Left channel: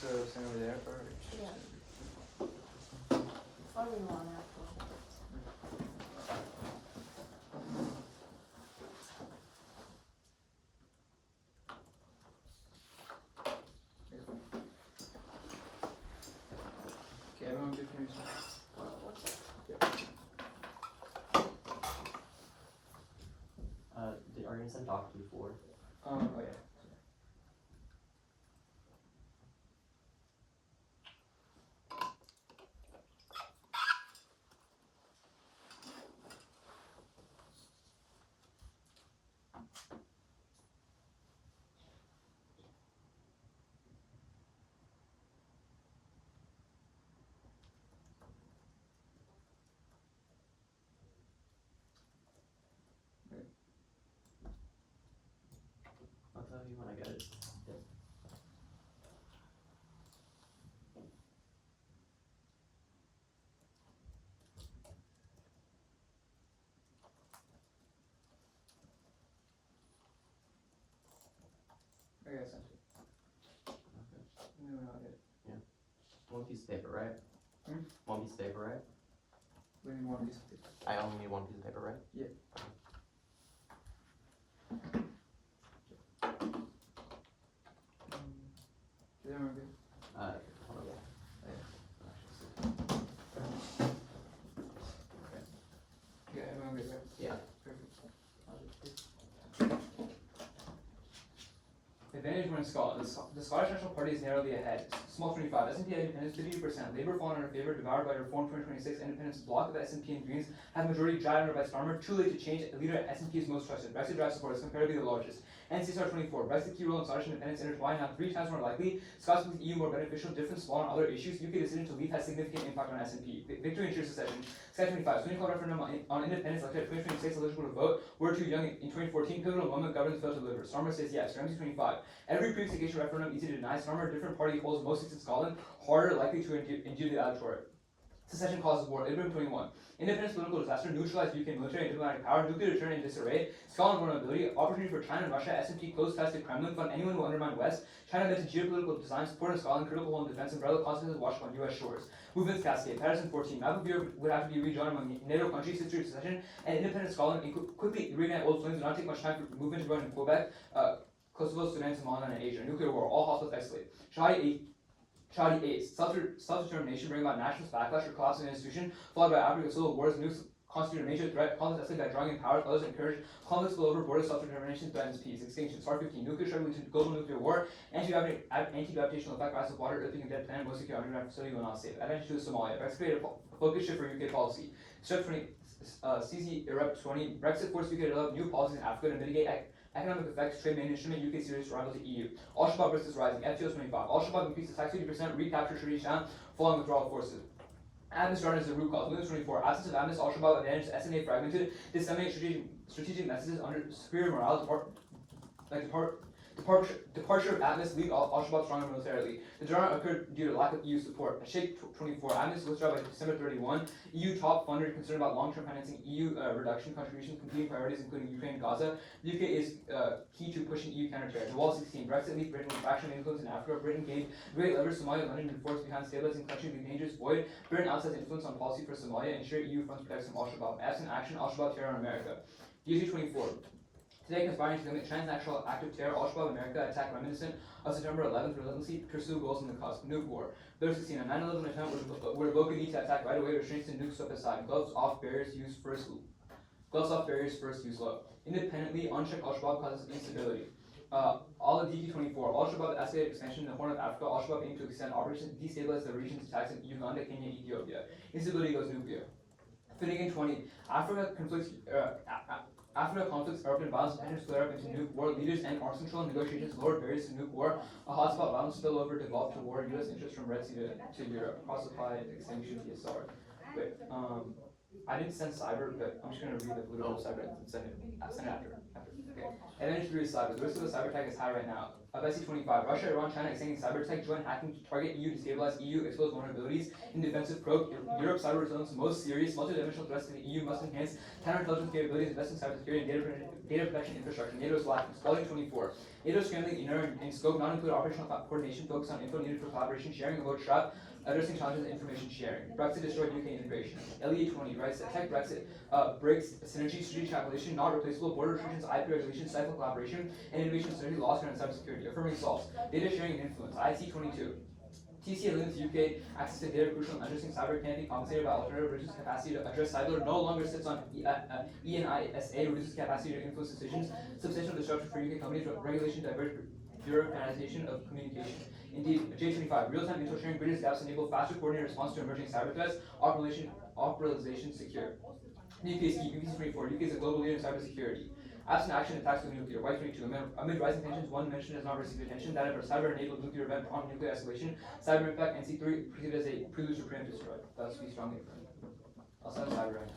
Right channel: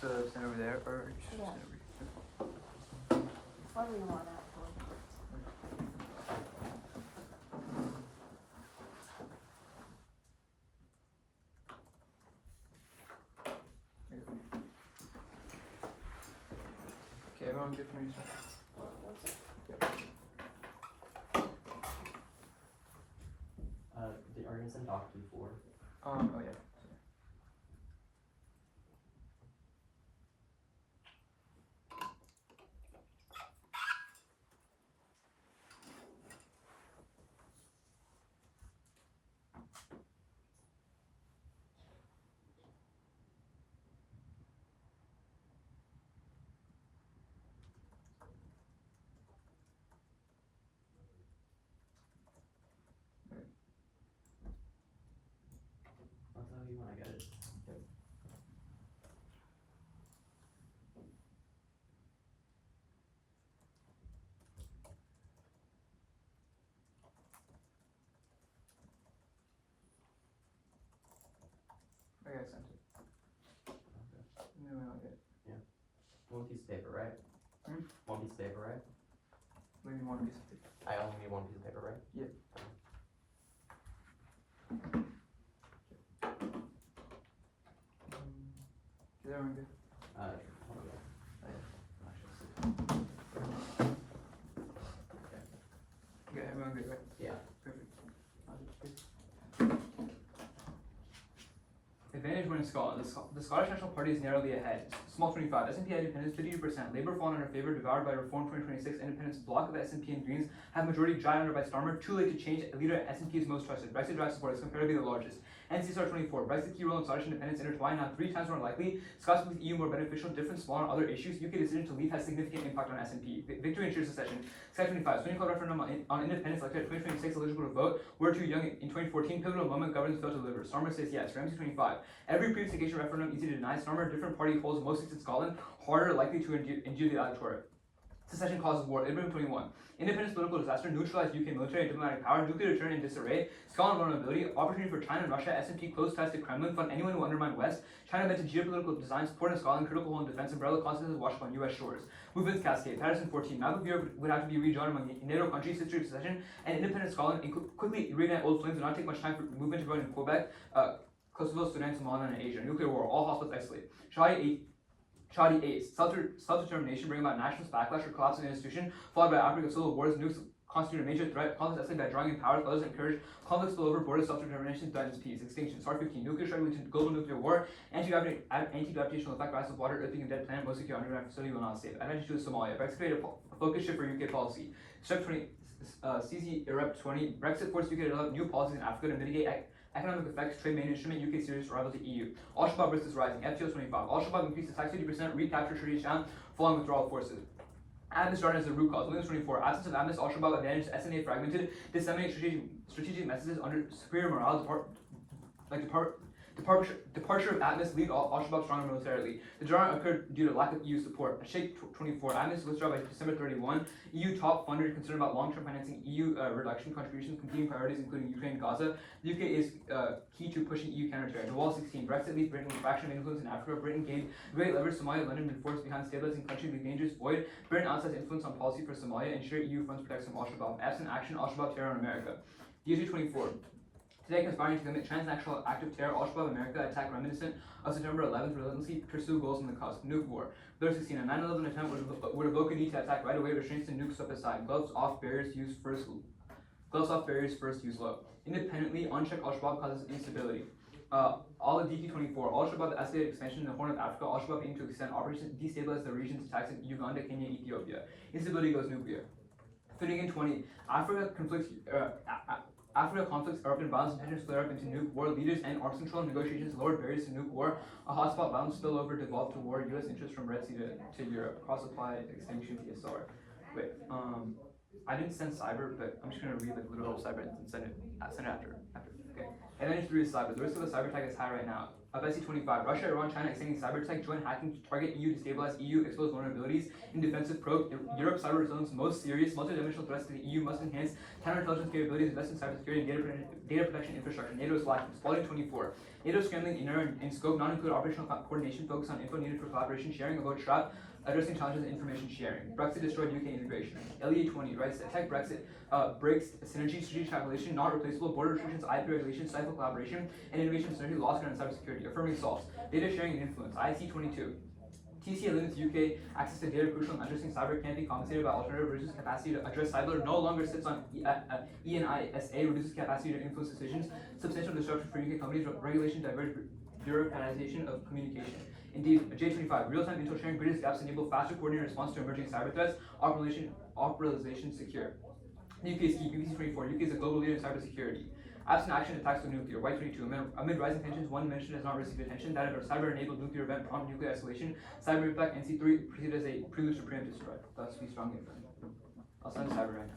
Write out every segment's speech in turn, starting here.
to send over there first? Yeah. What do we want that for? Okay, everyone good for me? Are you gonna send doc to 4? Oh yeah. I'll tell you when I get it. Yep. Okay, I sent it. Okay. No, not yet. One piece of paper, right? One piece of paper, right? We need one piece of paper. I only need one piece of paper, right? Yeah. Is everyone good? Hold on. Yeah, everyone good, right? Yeah. Perfect. Advantage winning Scotland. The Scottish National Party is narrowly ahead. Small 25. SNP independence 52%. Labour fallen under favour, devoured by Reform 2026. Independence block of SNP and Greens have majority dried under by Starmer. Too late to change. Leader at SNP is most trusted. Brexit drive support is comparatively the largest. NCSR 24. Brexit key role in Scottish independence intertwined now 3 times more likely. Scots believe EU more beneficial. Different small on other issues. UK decision to leave has significant impact on SNP. Victory ensures secession. Sky 25. Swing Club referendum on independence elected at 2026 eligible to vote. We're too young in 2014. Pivotal moment governance failed to deliver. Starmer says yes. Ramsey 25. Every previous occasion referendum easy to deny. Starmer, a different party, holds most seats in Scotland, harder likely to endure the electorate. Secession causes war. Ibrahim 21. Independence political disaster, neutralized UK military and diplomatic power, nuclear return in disarray, Scotland vulnerability, opportunity for China and Russia, SMT close ties to Kremlin, fund anyone who undermine West, China meant to geopolitical design, support in Scotland, critical hole in defense, umbrella consequences watched on US shores. Movements cascade. Patterson 14. Map of Europe would have to be rejoined among NATO countries, history of secession, and independent Scotland quickly reignite old flames would not take much time for movement to vote in Quebec, Kosovo, Sudan, Somaliland, and Asia. Nuclear war. All hospitals escalate. Chadi 8. Self-determination bring about nationalist backlash or collapse of the institution, followed by outbreak of civil wars. Nukes constitute a major threat. Conflicts escalate by drawing in powers. Others encourage conflicts spill over borders. Self-determination threatens peace. Extinction. SAR 15. Nuclear struggle leads to global nuclear war. Anti-gravitational effect. Rise of water. Earthing and dead planet. Most secure underground facility will not save. Advantage to Somalia. Brexit created a focus shift for UK policy. Step 20. CZ Erupt 20. Brexit forced UK to develop new policies in Africa to mitigate economic effects, trade main instrument, UK serious rival to EU. Al-Shabaab risk is rising. FTO 25. Al-Shabaab increased attacks 50%, recapture Sharish down, following withdrawal forces. Admis started as the root cause. Windows 24. Absence of Admis, Al-Shabaab advantage, SNA fragmented, disseminate strategic messages under superior morale, departure of Atmis lead Al-Shabaab stronger militarily. The drawdown occurred due to lack of EU support. Sheikh 24. Atmis withdraw by December 31. EU top funder concerned about long-term financing EU reduction contributions, competing priorities including Ukraine and Gaza. The UK is key to pushing EU counter-terror. The Wall 16. Brexit leaves Britain with fraction of influence in Africa. Britain gained great leverage. Somalia, London, and force behind stabilizing country with dangerous void. Britain outside influence on policy for Somalia. Ensure EU funds protects from Al-Shabaab. Absent action, Al-Shabaab terror on America. DG 24. Today, conspiring to commit transnational active terror, Al-Shabaab America attack reminiscent of September 11th, relentlessly pursue goals in the cusp. Nuke war. Third 16. A 9/11 attempt would evoke a need to attack right away. Restraints to nukes swept aside. Gloves off, barriers first use low. Independently, unchecked Al-Shabaab causes instability. All of DQ24. Al-Shabaab escalated expansion in the Horn of Africa. Al-Shabaab aimed to extend operations, destabilize the region's attacks in Uganda, Kenya, Ethiopia. Instability goes nuclear. Finnegan 20. Africa conflicts, urban violence, and tensions flare up into nuke war. Leaders and arms control negotiations lowered barriers to nuke war. A hotspot violence spillover devolved to war. U.S. interest from Red Sea to Europe. Cross-supply extinction PSR. Wait, I didn't send cyber, but I'm just gonna read like a little bit of cyber and send it after. Okay. Advantage 3 is cyber. The risk of a cyber attack is high right now. Bessie 25. Russia, Iran, China extending cyber attack, joint hacking to target EU, destabilize EU, expose vulnerabilities in defensive probe. Europe cyber resilience most serious. Multi-dimensional threats to the EU must enhance counterintelligence capabilities, invest in cybersecurity and data protection infrastructure. NATO is lacking. Spalding 24. NATO scrambling in scope, not include operational coordination, focus on info needed for collaboration, sharing about trap, addressing challenges in information sharing. Brexit destroyed UK integration. LEA 20 writes that tech Brexit breaks synergy, strategic calculation, not replaceable, border restrictions, IP regulation, stifle collaboration, and innovation synergy lost ground in cybersecurity. Affirming solves. Data sharing and influence. IC 22. TCA limits UK access to data crucial in addressing cyber can't be compensated by alternative, reduces capacity to address cyber, no longer sits on ENISA, reduces capacity to influence decisions, substantial disruption for UK companies, regulation, diverge, bureaucratization of communication. Indeed, J25, real-time intel sharing, greatest gaps enable faster coordinated response to emerging cyber threats, operationalization secure. UK's BBC24, UK is a global leader in cybersecurity. Absent action, attacks with nuclear. Y22, amid rising tensions, one mission has not received attention. That of a cyber-enabled nuclear event prompt nuclear escalation. Cyber impact NC3 proceeded as a prelude to preemptive strike. Thus, we strongly affirm. I'll send cyber right now.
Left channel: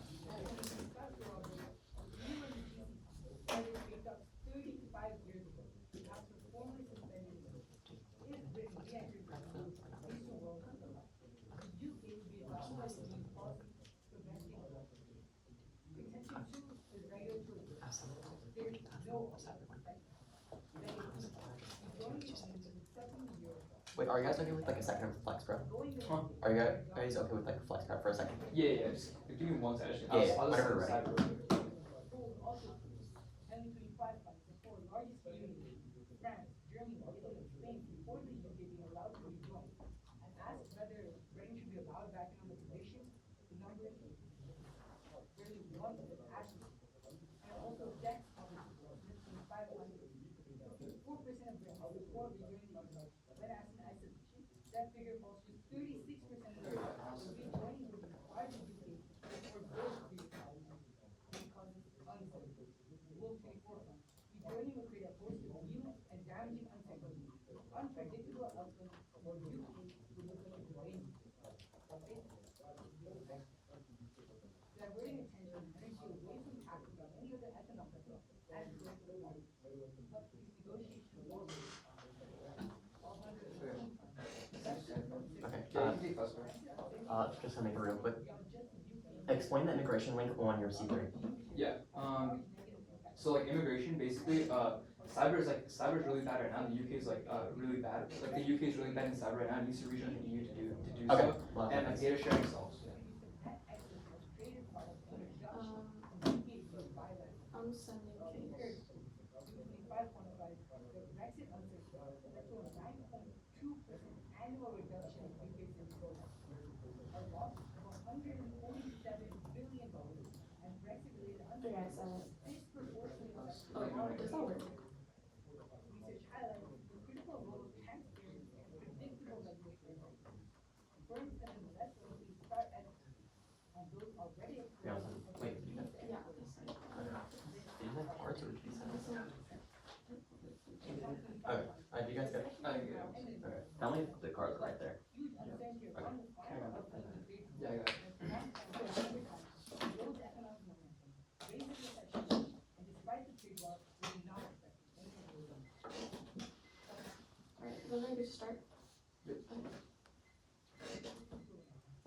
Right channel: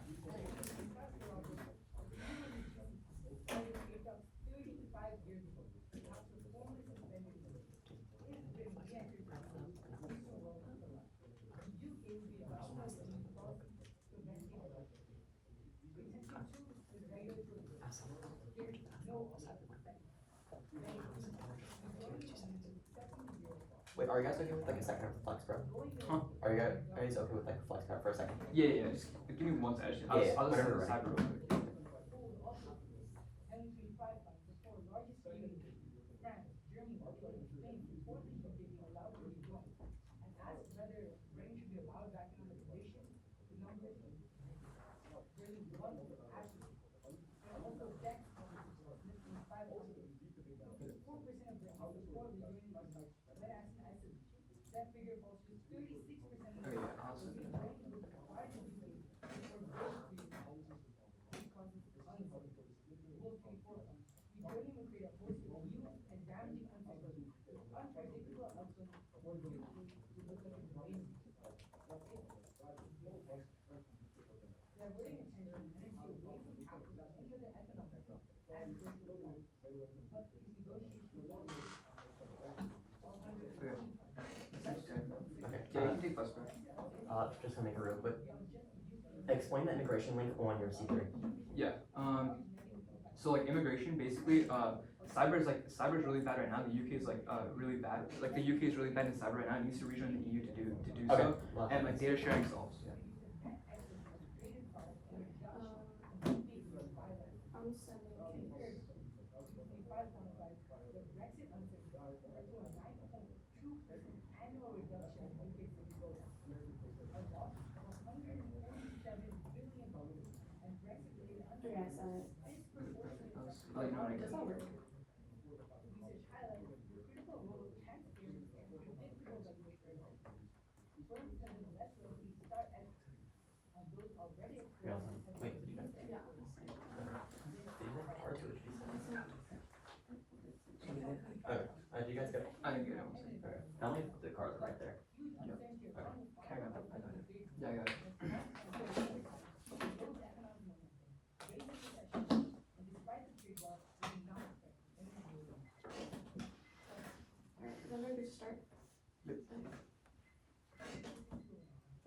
Wait, are you guys okay with like a second of flex grab? Huh? Are you guys okay with like flex grab for a second? Yeah. Just give me one second. I'll just send the cyber real quick. Okay, yeah, I'll send it. Okay. Yeah, you can take first. Just gonna make it real quick. Explain the immigration link on your C3. Yeah. So like immigration, basically, cyber is really bad right now. The UK is really bad. Like the UK is really bad in cyber right now. It needs to rejoin the EU to do Okay. so. And like data sharing solves. Yeah. I'm sending case. Okay, I sent it. I'll let you know when I Does get that it. work? Yeah. Wait, did you know? Yeah, I sent it. Did you have cards or did you send it? I Okay. Do you guys get it? I didn't get it. Okay. How many of the cards right there? Yeah. Okay. I got it. Yeah, I got it. Then I just start. Yep.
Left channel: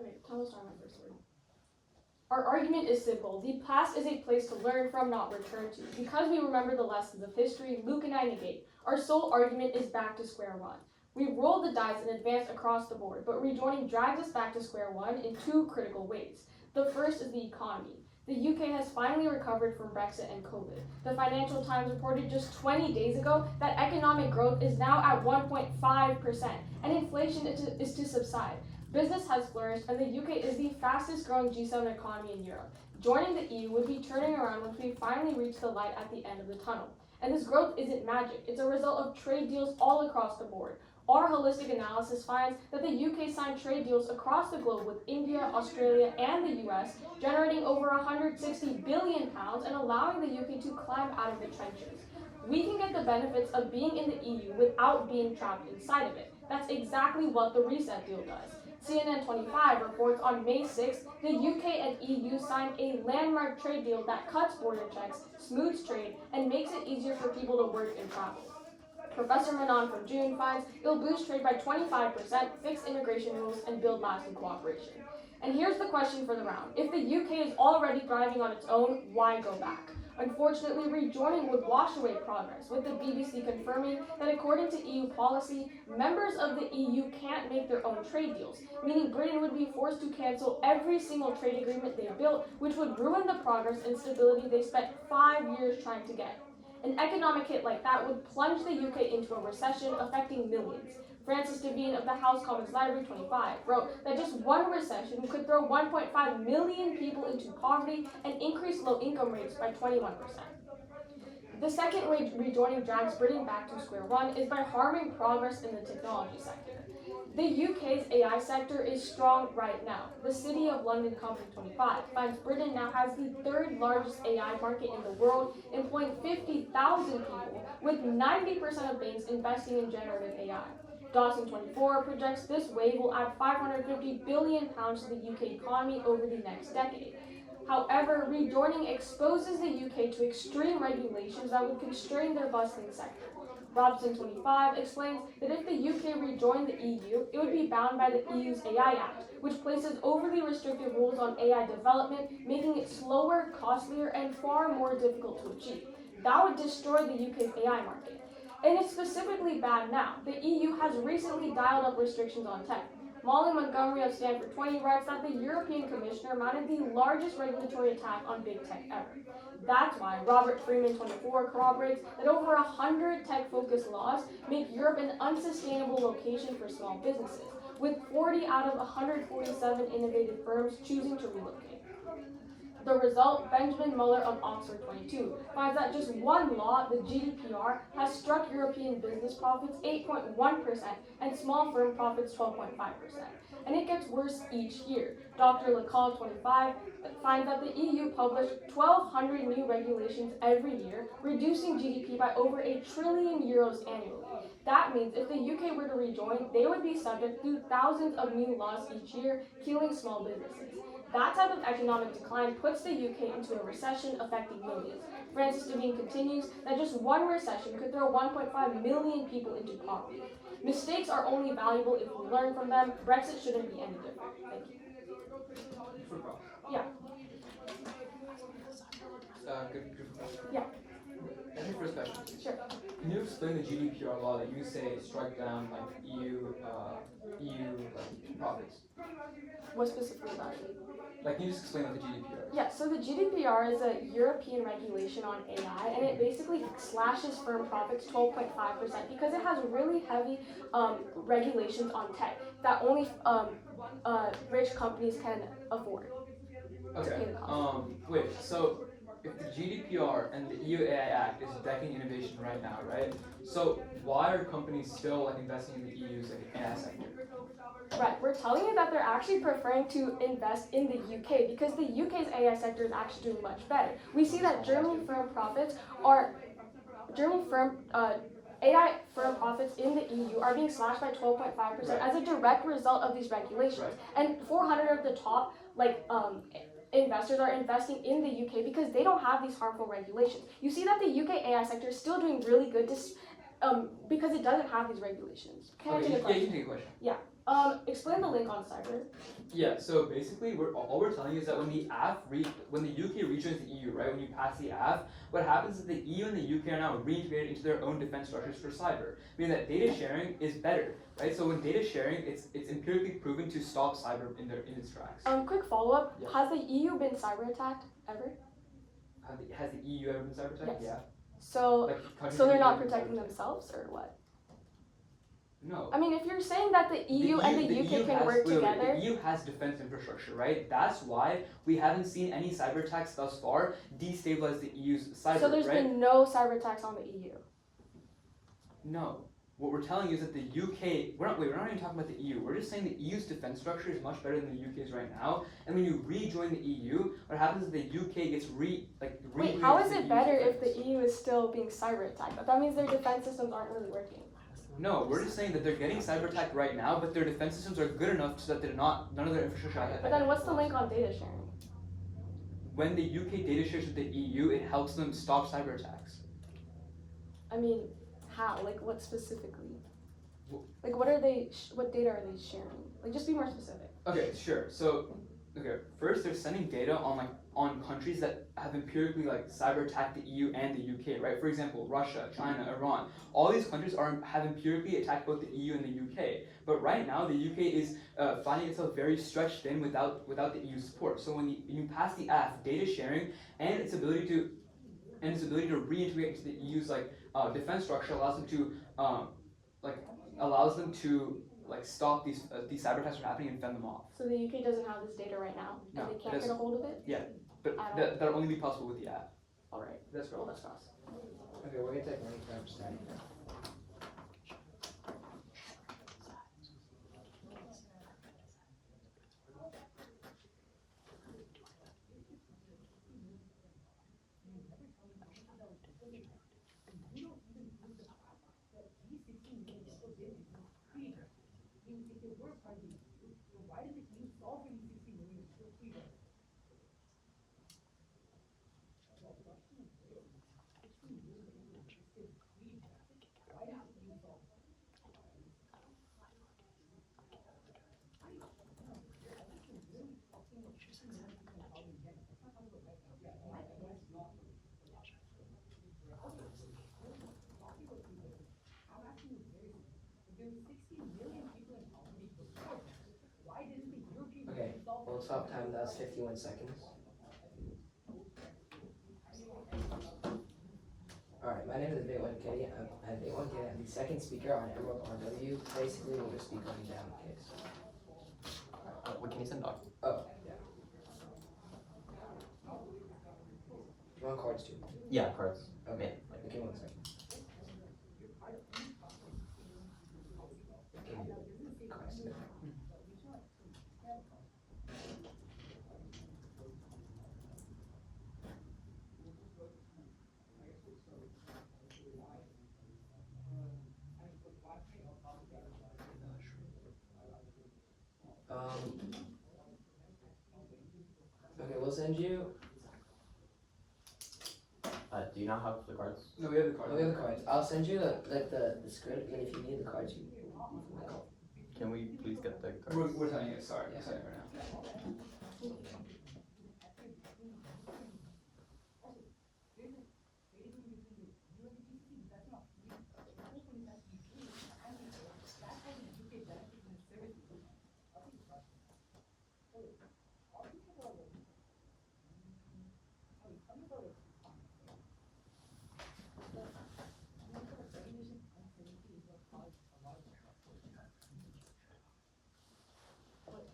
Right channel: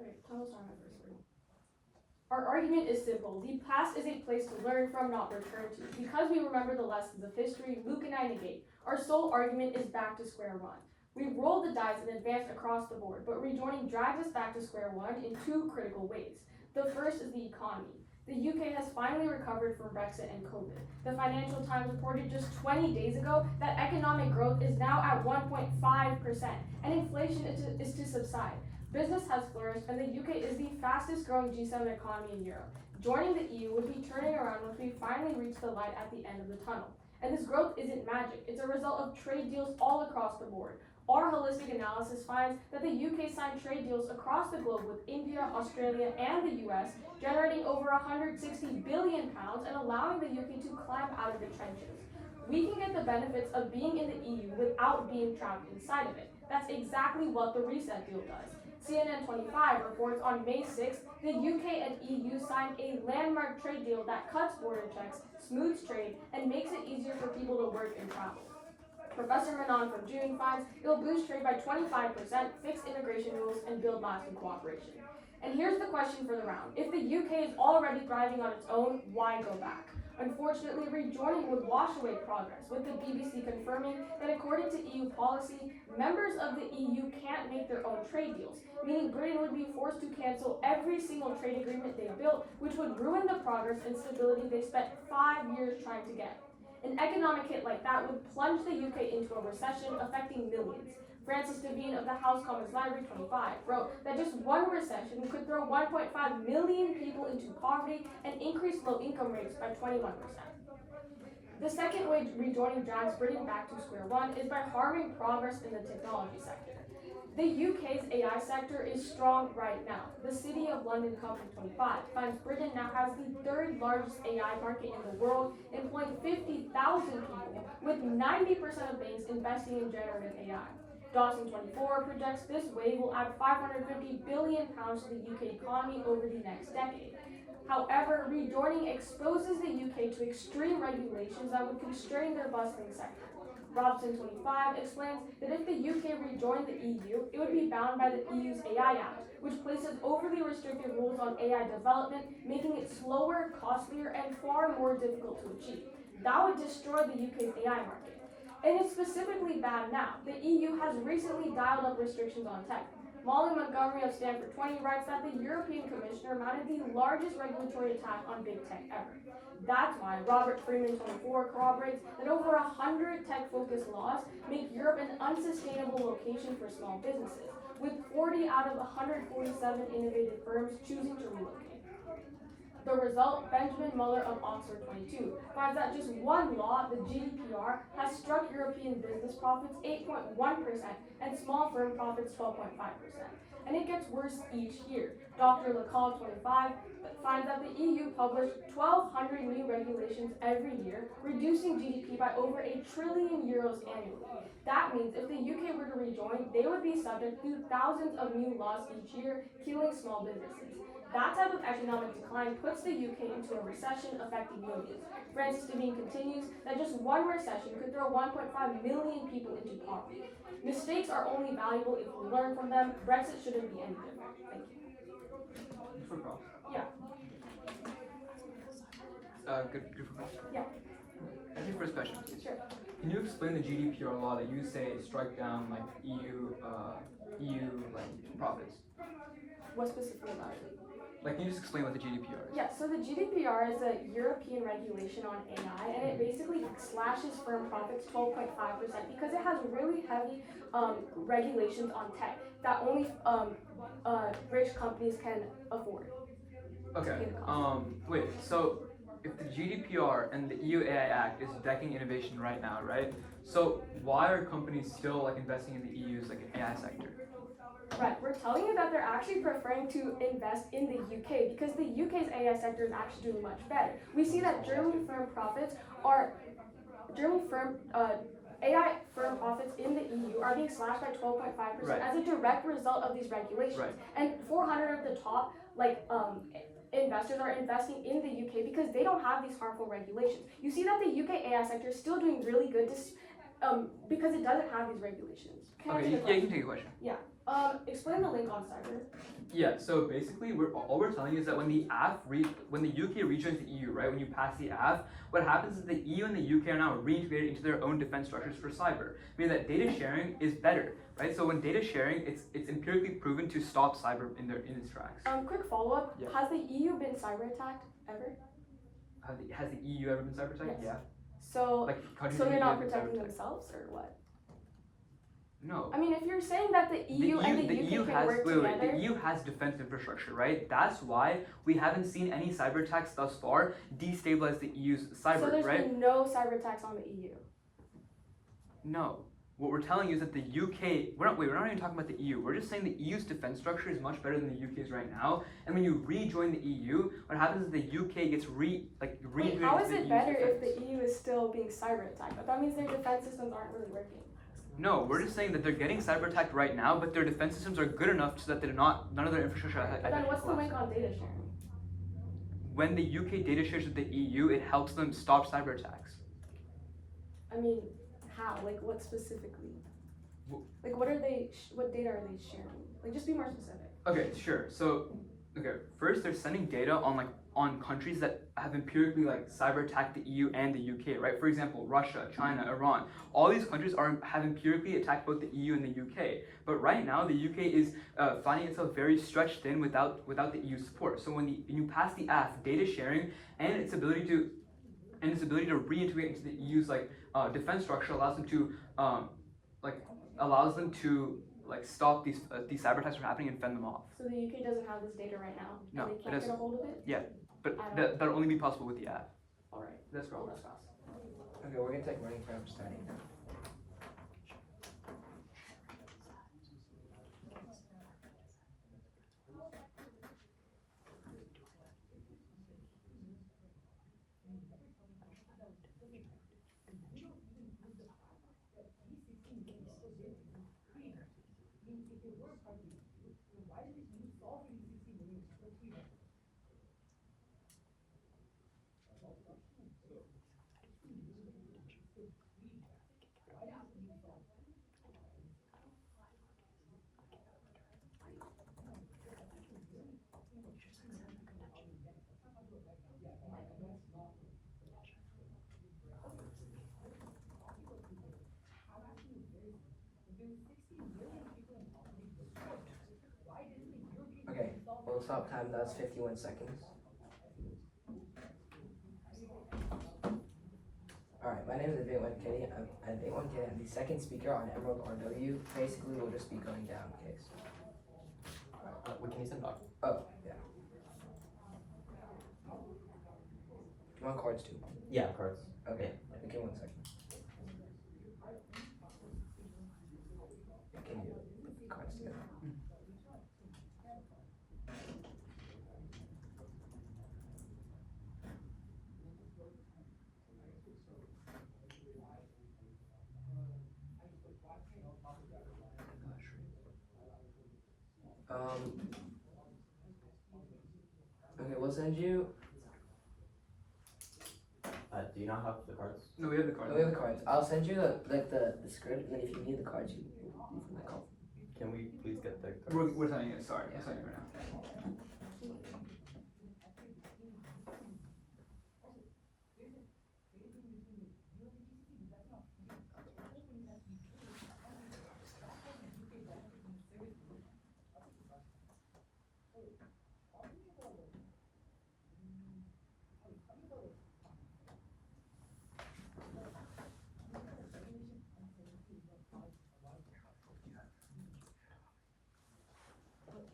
Okay, Tom will start my first word. Our argument is simple. The past is a place to learn from, not return to. Because we remember the lessons of history, Luke and I negate. Our sole argument is back to square one. We've rolled the dice and advanced across the board, but rejoining drags us back to square one in two critical ways. The first is the economy. The UK has finally recovered from Brexit and COVID. The Financial Times reported just 20 days ago that economic growth is now at 1.5%, and inflation is to subside. Business has flourished, and the UK is the fastest growing G7 economy in Europe. Joining the EU would be turning around once we finally reach the light at the end of the tunnel. And this growth isn't magic, it's a result of trade deals all across the board. Our holistic analysis finds that the UK signed trade deals across the globe with India, Australia, and the US, generating over £160 billion and allowing the UK to climb out of the trenches. We can get the benefits of being in the EU without being trapped inside of it. That's exactly what the reset deal does. CNN 25 reports on May 6th, the UK and EU signed a landmark trade deal that cuts border checks, smooths trade, and makes it easier for people to work and travel. Professor Manon from June finds it'll boost trade by 25%, fix immigration rules, and build lasting cooperation. And here's the question for the round. If the UK is already thriving on its own, why go back? Unfortunately, rejoining would wash away progress, with the BBC confirming that according to EU policy, members of the EU can't make their own trade deals, meaning Britain would be forced to cancel every single trade agreement they built, which would ruin the progress and stability they spent 5 years trying to get. An economic hit like that would plunge the UK into a recession, affecting millions. Francis Devine of the House Commons Library 25 wrote that just one recession could throw 1.5 million people into poverty and increase low income rates by 21%. The second way rejoining drags Britain back to square one is by harming progress in the technology sector. The UK's AI sector is strong right now. The City of London Company 25 finds Britain now has the third largest AI market in the world, employing 50,000 people, with 90% of banks investing in generative AI. Dawson 24 projects this wave will add £550 billion to the UK economy over the next decade. However, rejoining exposes the UK to extreme regulations that would constrain their bustling sector. Robson 25 explains that if the UK rejoined the EU, it would be bound by the EU's AI Act, which places overly restrictive rules on AI development, making it slower, costlier, and far more difficult to achieve. That would destroy the UK's AI market. And it's specifically bad now. The EU has recently dialed up restrictions on tech. Molly Montgomery of Stanford 20 writes that the European Commissioner mounted the largest regulatory attack on big tech ever. That's why Robert Freeman 24 corroborates that over 100 tech-focused laws make Europe an unsustainable location for small businesses, with 40 out of 147 innovative firms choosing to relocate. The result, Benjamin Muller of Oxford 22 finds that just one law, the GDPR, has struck European business profits 8.1% and small firm profits 12.5%. And it gets worse each year. Dr. LeCall 25 finds that the EU published 1,200 new regulations every year, reducing GDP by over €1 trillion annually. That means if the UK were to rejoin, they would be subject to thousands of new laws each year, killing small businesses. That type of economic decline puts the UK into a recession affecting millions. Francis Devine continues that just one recession could throw 1.5 million people into poverty. Mistakes are only valuable if we learn from them. Brexit shouldn't be any different. Thank you. Yeah. Good question. Yeah. That's your first question. Sure. Can you explain the GDPR law that you say strike down like EU like profits? What specifically about it? Like, can you just explain what the GDPR is? Yeah, so the GDPR is a European regulation on AI, and it basically slashes firm profits 12.5% because it has really heavy regulations on tech that only rich companies can afford. Okay. Wait. So, if the GDPR and the EU AI Act is decking innovation right now, right? So why are companies still like investing in the EU's like AI sector? Right, we're telling you that they're actually preferring to invest in the UK because the UK's AI sector is actually doing much better. We see that German firm profits AI firm profits in the EU are being slashed by 12.5% as a direct result of these regulations. Right. And 400 of the top investors are investing in the UK because they don't have these harmful regulations. You see that the UK AI sector is still doing really good because it doesn't have these regulations. Okay, yeah, you can take a question. Yeah. Explain the link on cyber. Yeah, so basically, all we're telling you is that when the UK rejoins the EU, right, when you pass the AF, what happens is the EU and the UK are now reintegrated into their own defense structures for cyber, meaning that data sharing is better, right? So when data sharing, it's empirically proven to stop cyber in its tracks. Quick follow-up. Yeah. Has the EU been cyber attacked ever? Has the EU ever been cyber attacked? Yes. Yeah. So they're not been protecting cyber attacked. themselves, or what? No. I mean, if you're saying that the EU and the UK can work together. The EU has defense infrastructure, right? That's why we haven't seen any cyber attacks thus far destabilize the EU's cyber, So there's right? been no cyber attacks on the EU. No. What we're telling you is that the UK, we're not even talking about the EU. We're just saying the EU's defense structure is much better than the UK's right now. And when you rejoin the EU, what happens is the UK gets Wait, how is it better if the EU is still being cyber attacked? But that means their defense systems aren't really working. No, we're just saying that they're getting cyber attacked right now, but their defense systems are good enough so that none of their infrastructure. But then what's the link on data sharing? When the UK data shares with the EU, it helps them stop cyber attacks. I mean, how? Like, what specifically? Like, what data are they sharing? Like, just be more specific. Okay, sure. So, first they're sending data on countries that have empirically like cyber attacked the EU and the UK, right? For example, Russia, China, Iran. All these countries have empirically attacked both the EU and the UK. But right now, the UK is finding itself very stretched thin without the EU support. So when you pass the AF, data sharing and its ability to reintegrate into the EU's defense structure allows them to stop these cyber attacks from happening and fend them off. So the UK doesn't have this data right now, No, and they it can't doesn't. get a hold of it? Yeah, but that'll only be possible with the app. Alright, That's well, right. that's fast. Okay, we're gonna take money from starting now. Okay, we'll stop time, that's 51 seconds. Alright, my name is Invitational Kenny. I'm Invitational Kenny. I'm the second speaker on Emerald RW. Basically, we'll just be going down case. What can you send off? Oh, yeah. You want cards too? Yeah, cards. Okay, okay, 1 second. Okay, cards too. Okay, we'll send you. Do you not have the cards? No, we have the card. We have the cards. I'll send you the script. Like if you need the cards, you can call. Can we please get the cards? We're telling you. Sorry, I'm telling you right now.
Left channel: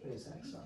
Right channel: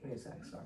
Give me a sec, sorry.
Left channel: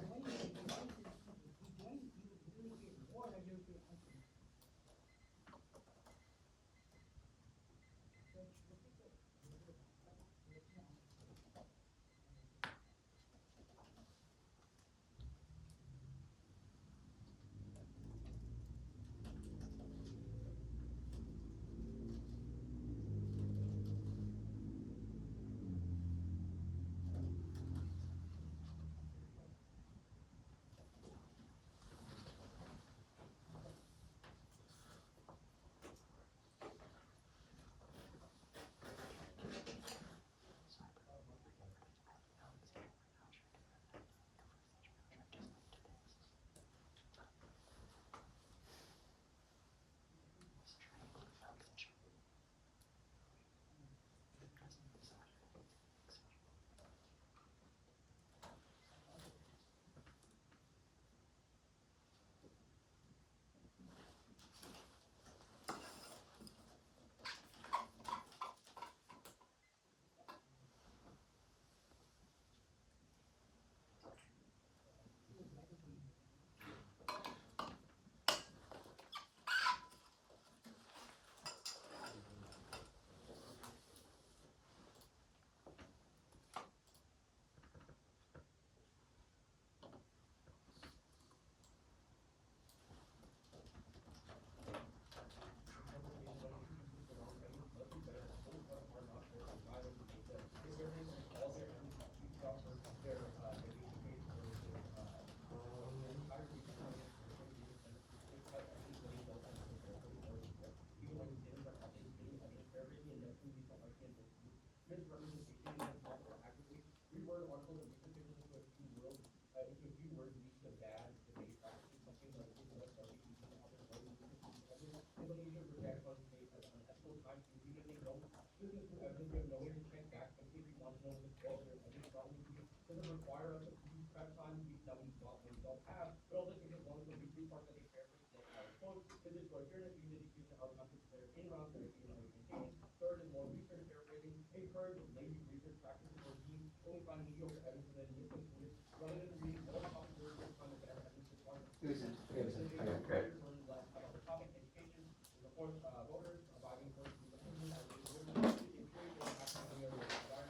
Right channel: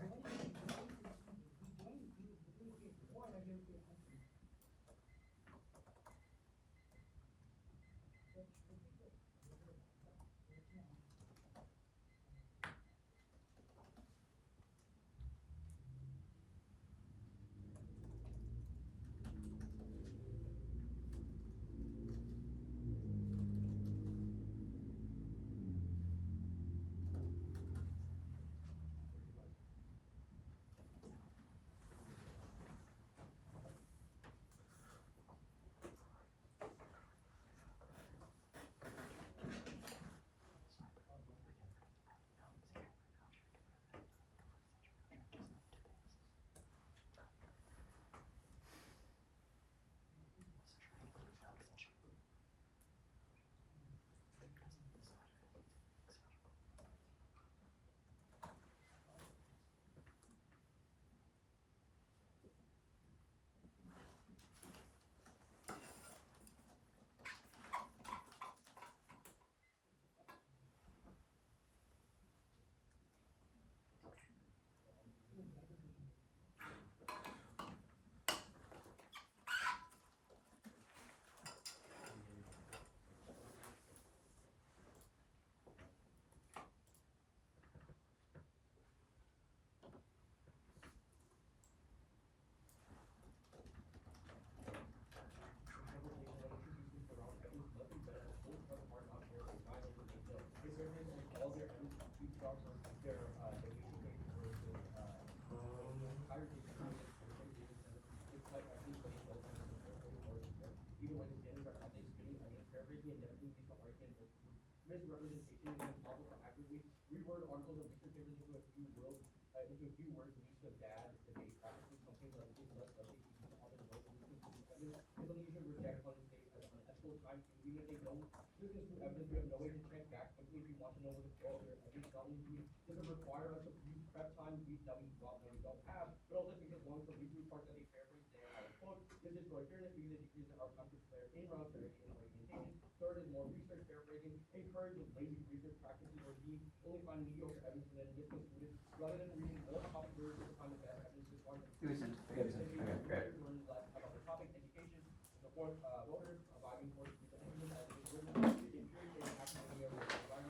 It was in. Okay, so, Okay, great.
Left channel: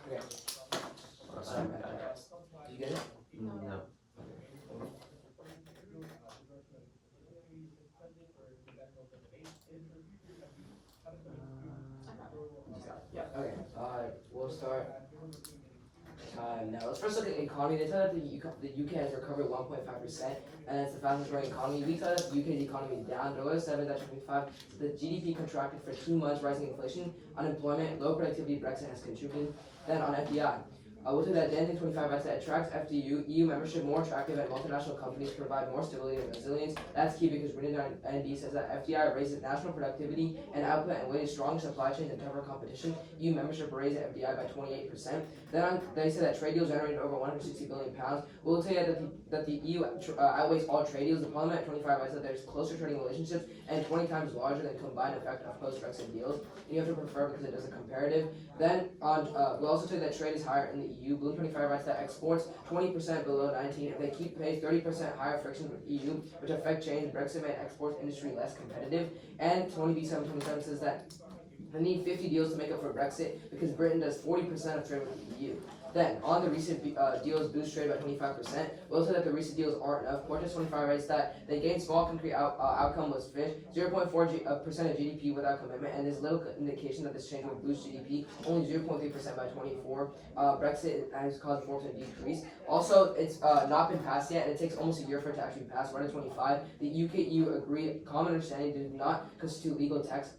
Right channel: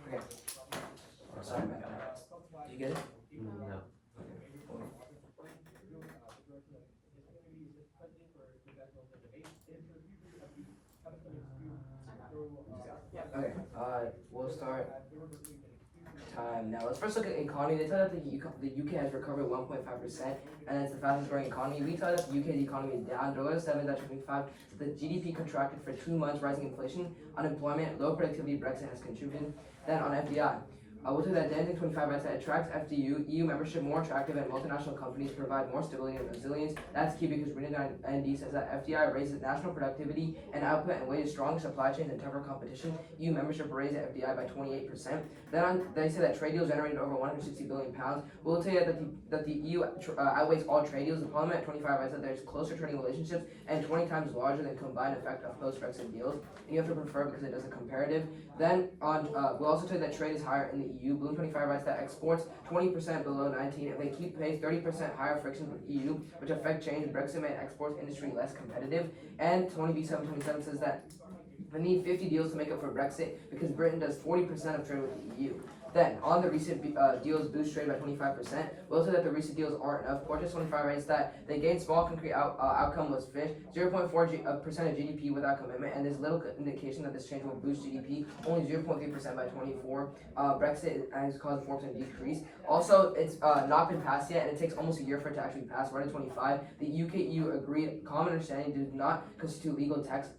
okay. Sorry about that. Did you get it? No. Okay, we'll start time now. Let's first look at the economy. They tell that the UK has recovered 1.5%, and it's the fastest growing economy. We tell that the UK's economy is down. Dougherty 7.25. The GDP contracted for 2 months, rising inflation, unemployment, low productivity, Brexit has contributed. Then on FDI. We'll tell that the 25 as that attracts FDU, EU membership more attractive, and multinational companies provide more stability and resilience. That's key because Reading ND says that FDI raises national productivity and output and wages stronger supply chains and tougher competition. EU membership raised FDI by 28%. They say that trade deals generated over 160 billion pounds. We'll tell you that the EU outweighs all trade deals. The Parliament at 25 writes that there's closer trading relationships and 20 times larger than combined effect of post-Brexit deals. You have to prefer because it does a comparative. Then we'll also say that trade is higher in the EU. Bloom 25 writes that exports 20% below 19. If they keep pace, 30% higher frictions with EU, which affect change. Brexit made exports industry less competitive. And 20B727 says that they need 50 deals to make up for Brexit because Britain does 40% of trade with the EU. Then, on the recent deals boost trade by 25%. We'll say that the recent deals aren't enough. Portage 25 writes that they gained small concrete outcome was fish, 0.4% of GDP without commitment, and there's little indication that this change will boost GDP, only 0.3% by 24. Brexit has caused a 4% decrease. Also, it's not been passed yet, and it takes almost a year for it to actually pass. We're at 25. The UK-EU agreed common understanding did not constitute legal text.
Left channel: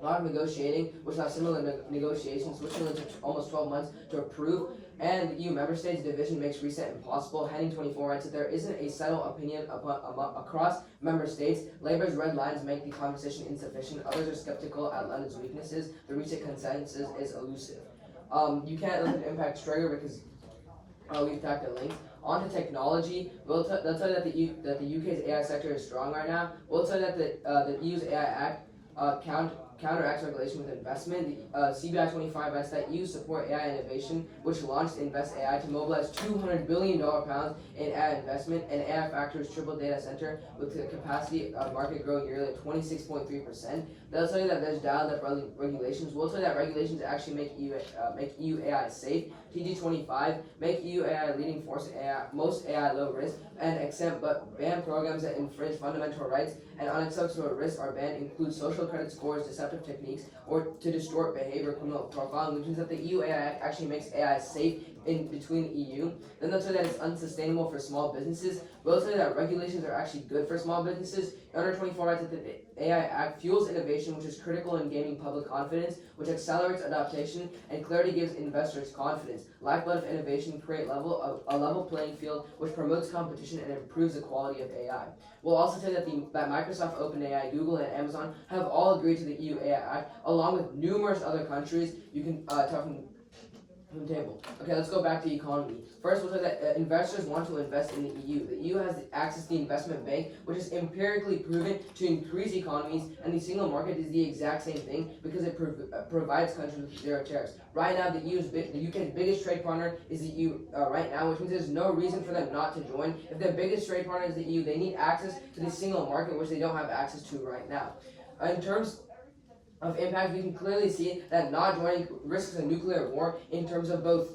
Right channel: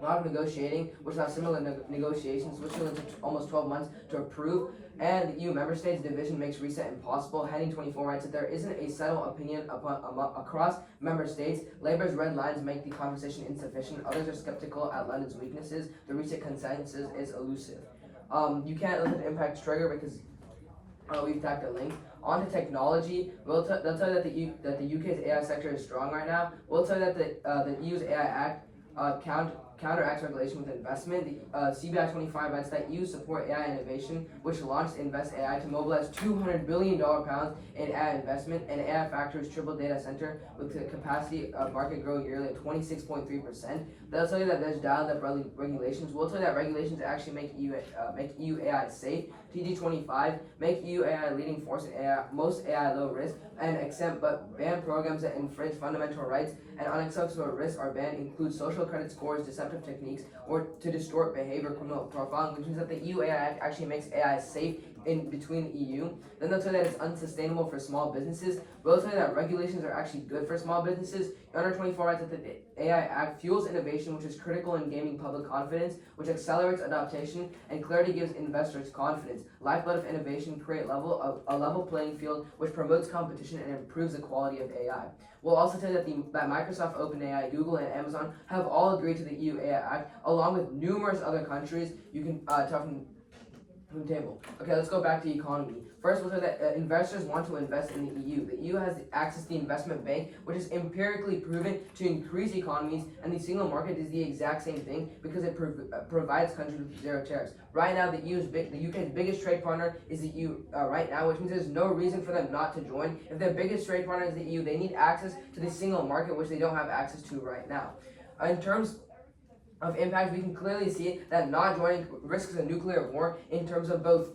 A lot of negotiating, which have similar negotiations, which will take almost 12 months to approve. And the EU member states division makes reset impossible. Heading 24 writes that there isn't a settled opinion across member states. Labour's red lines make the conversation insufficient. Others are skeptical at London's weaknesses. The reset consensus is elusive. You can't look at impact trigger because we've tacked a link. On to technology, they'll tell you that the UK's AI sector is strong right now. We'll tell you that the EU's AI Act counteracts regulation with investment. The CBI 25 writes that EU support AI innovation, which launched Invest AI to mobilize $200 billion in AI investment, and AI Factory's triple data center with the capacity market grow yearly at 26.3%. They'll tell you that there's dialed-up regulations. We'll tell you that regulations actually make EU AI safe. TG25 make EU AI leading force in AI, most AI low risk, and accept but ban programs that infringe fundamental rights, and unacceptable risks are banned include social credit scores, deceptive techniques, or to distort behavior, criminal profiling, which means that the EU AI Act actually makes AI safe in between the EU. Then they'll say that it's unsustainable for small businesses. We'll say that regulations are actually good for small businesses. Under 24 writes that the AI Act fuels innovation, which is critical in gaining public confidence, which accelerates adaptation, and clarity gives investors confidence. Lifeblood of innovation create a level playing field, which promotes competition and improves the quality of AI. We'll also say that Microsoft, OpenAI, Google, and Amazon have all agreed to the EU AI Act, along with numerous other countries. You can tell from the table. Okay, let's go back to economy. First, we'll say that investors want to invest in the EU. The EU has access to the investment bank, which is empirically proven to increase economies, and the single market is the exact same thing because it provides countries with zero tariffs. Right now, the UK's biggest trade partner is the EU right now, which means there's no reason for them not to join. If their biggest trade partner is the EU, they need access to the single market, which they don't have access to right now. In terms of impact, we can clearly see that not joining risks a nuclear war in terms of both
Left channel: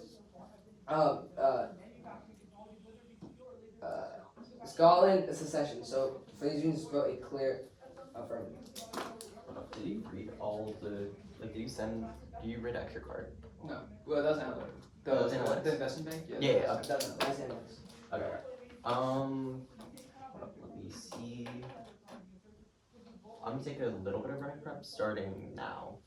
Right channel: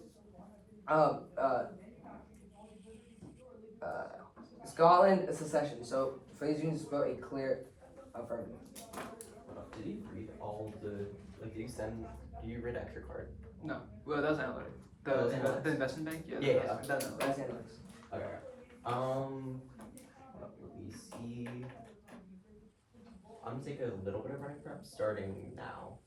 Scotland secession. So for these reasons, vote a clear affirmative. Did you read all the? Do you read extra card? No. Well, that was analytic. The investment bank? Yeah. That's analytic. That's analytics. Okay. Let me see. I'm gonna take a little bit of red prep starting now.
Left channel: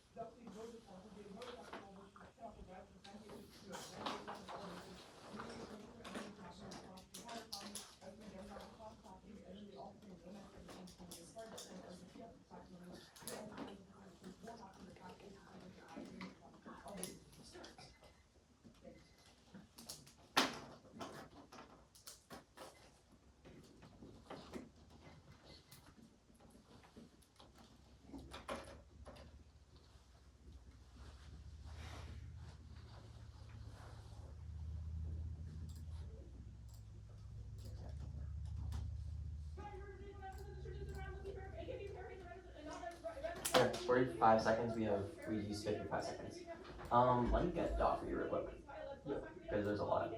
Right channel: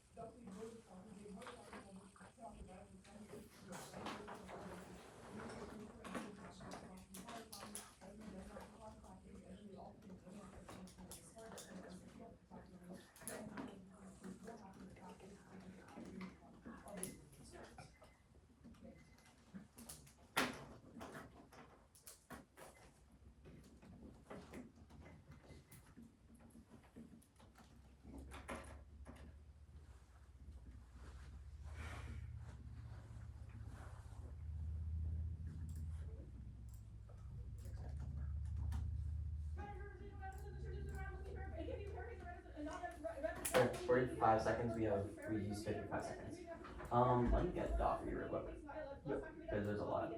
45 seconds. We used 55 seconds. Let me get Doc for you real quick. Yep. Because there's a lot.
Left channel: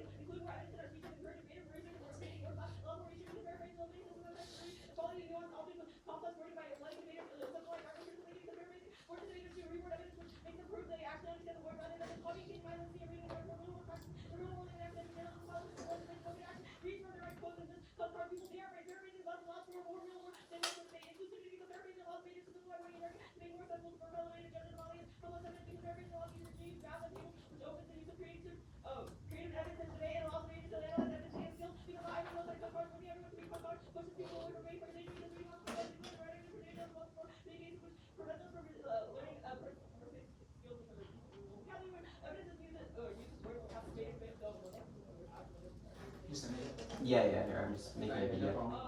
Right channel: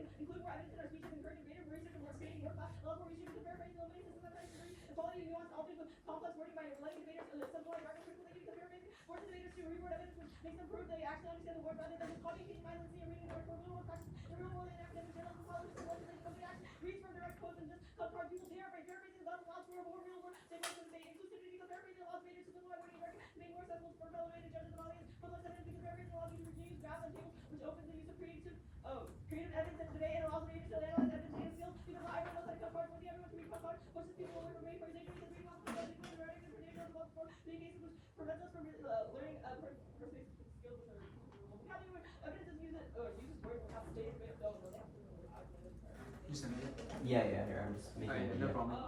You send it. Yeah, here, I'm just making a Alright, video. no problem.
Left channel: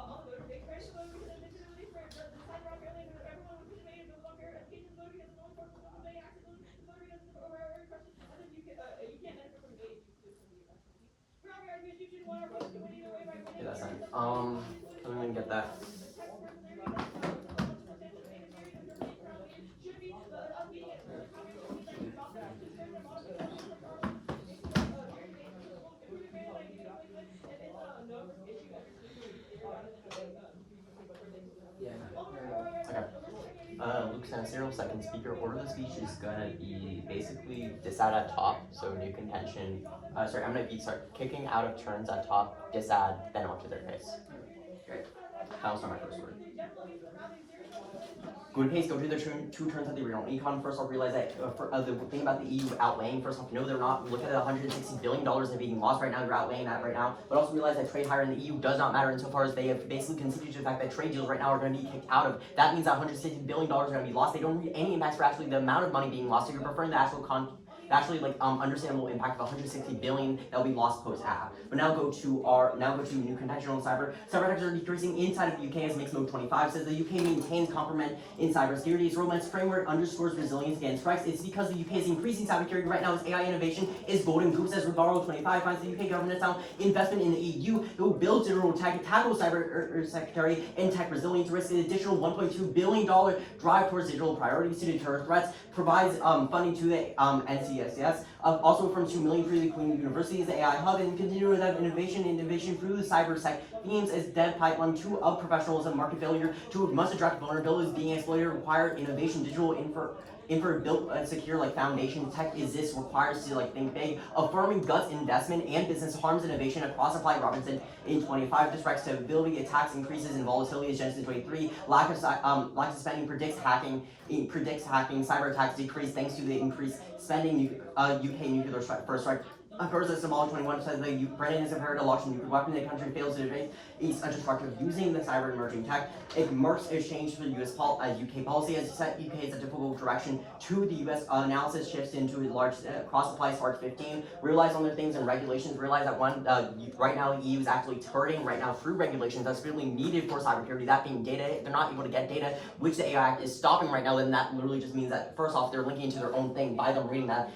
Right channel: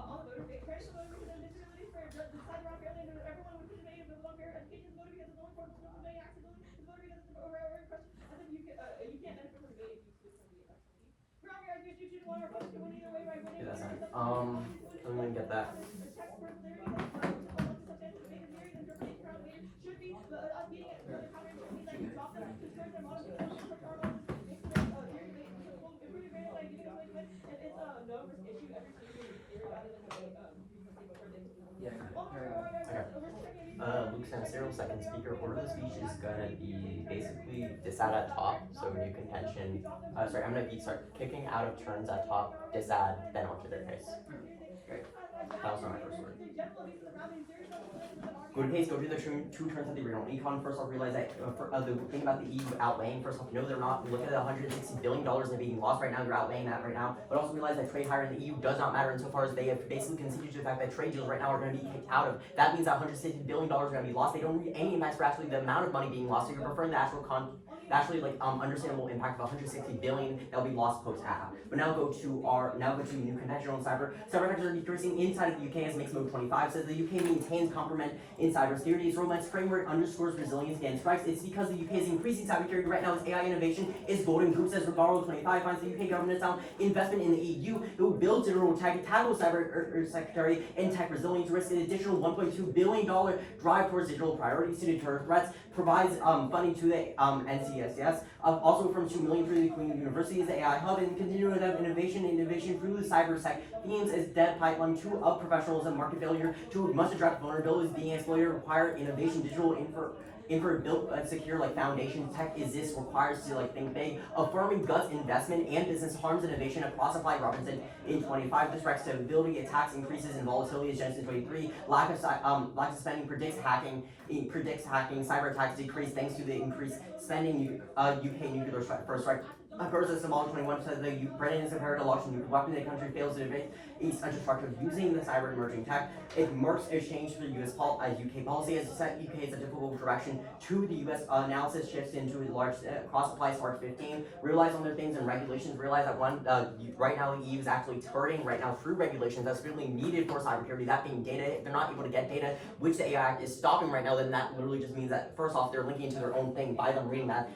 Yeah, that's fine. I'm gonna get that. Yeah. Luke's gonna say real second speaker. Order of the speech is gonna be basically decide at top, so new contention. Sorry, I'm gonna be kicking out of turns at top, disadd, then up to their face. Okay. That'll start my first word. Good pace, go to their two turns at the original econ. First off, realize that the thing about the EU outlaying, first off, no, they're not. Look at the $160 billion they're being lost right now, they're outlaying that right now. But also realize that trade higher in the EU does not matter insofar as they have basically conceded to the fact that trade deals right now are going to be kicked out of. That means that $160 billion are going to be lost. They don't read any impacts for actually the amount of money being lost, so you're preferring the actual understandable impact of 160 billion that will be lost post-app. But now go to new conventional cyber. Cyber attacks are decreasing inside of the UK as Mixed Mode 25 says the UK maintains compromise in cybersecurity. Its romance framework underscores resilience against strikes. It's because the UK is increasing cybersecurity right now. Its AI innovation is golden. Goop says Rivarro 25 finds the UK government sound investment in the EU who builds digital tech, tackle cyber secretary and tech resilience risk. An additional $1.2 billion drive towards digital priorities to deter threats. Provides funding to the NCSS, also from 2 million for the Queen University's AI Hub, and continue with innovation through the cybersec themes as dev pipeline to of professionalism, market failure to must address vulnerabilities being exploited, require innovation, digital built secure foundation tech is this requires to think big, affirming guts investment and business harms innovation across applied Robertson in 25, disrupts stability, attacks increases in volatility as Genesis 23, lack of spending predicts hacking, cyber attacks decrease thanks to the increased spending, UK nuclear first strike. First, the Somali 21 says that Britain is prepared to launch a nuclear weapon. The country fails to advance its destructive using the cyber emerging tech. It marks a change for the UK policy as set UK is a difficult direction to the US analysis shifts into a large cross-applies Part 15. Realize on their things and regulations. Realize that right now the EU is actually turning right now through regulations that's really needed for cybersecurity. That being data, they're not able to get data, which the AI Act is stopping right now. Then that literally just means that first off, they're linking to their own thing by them reading that.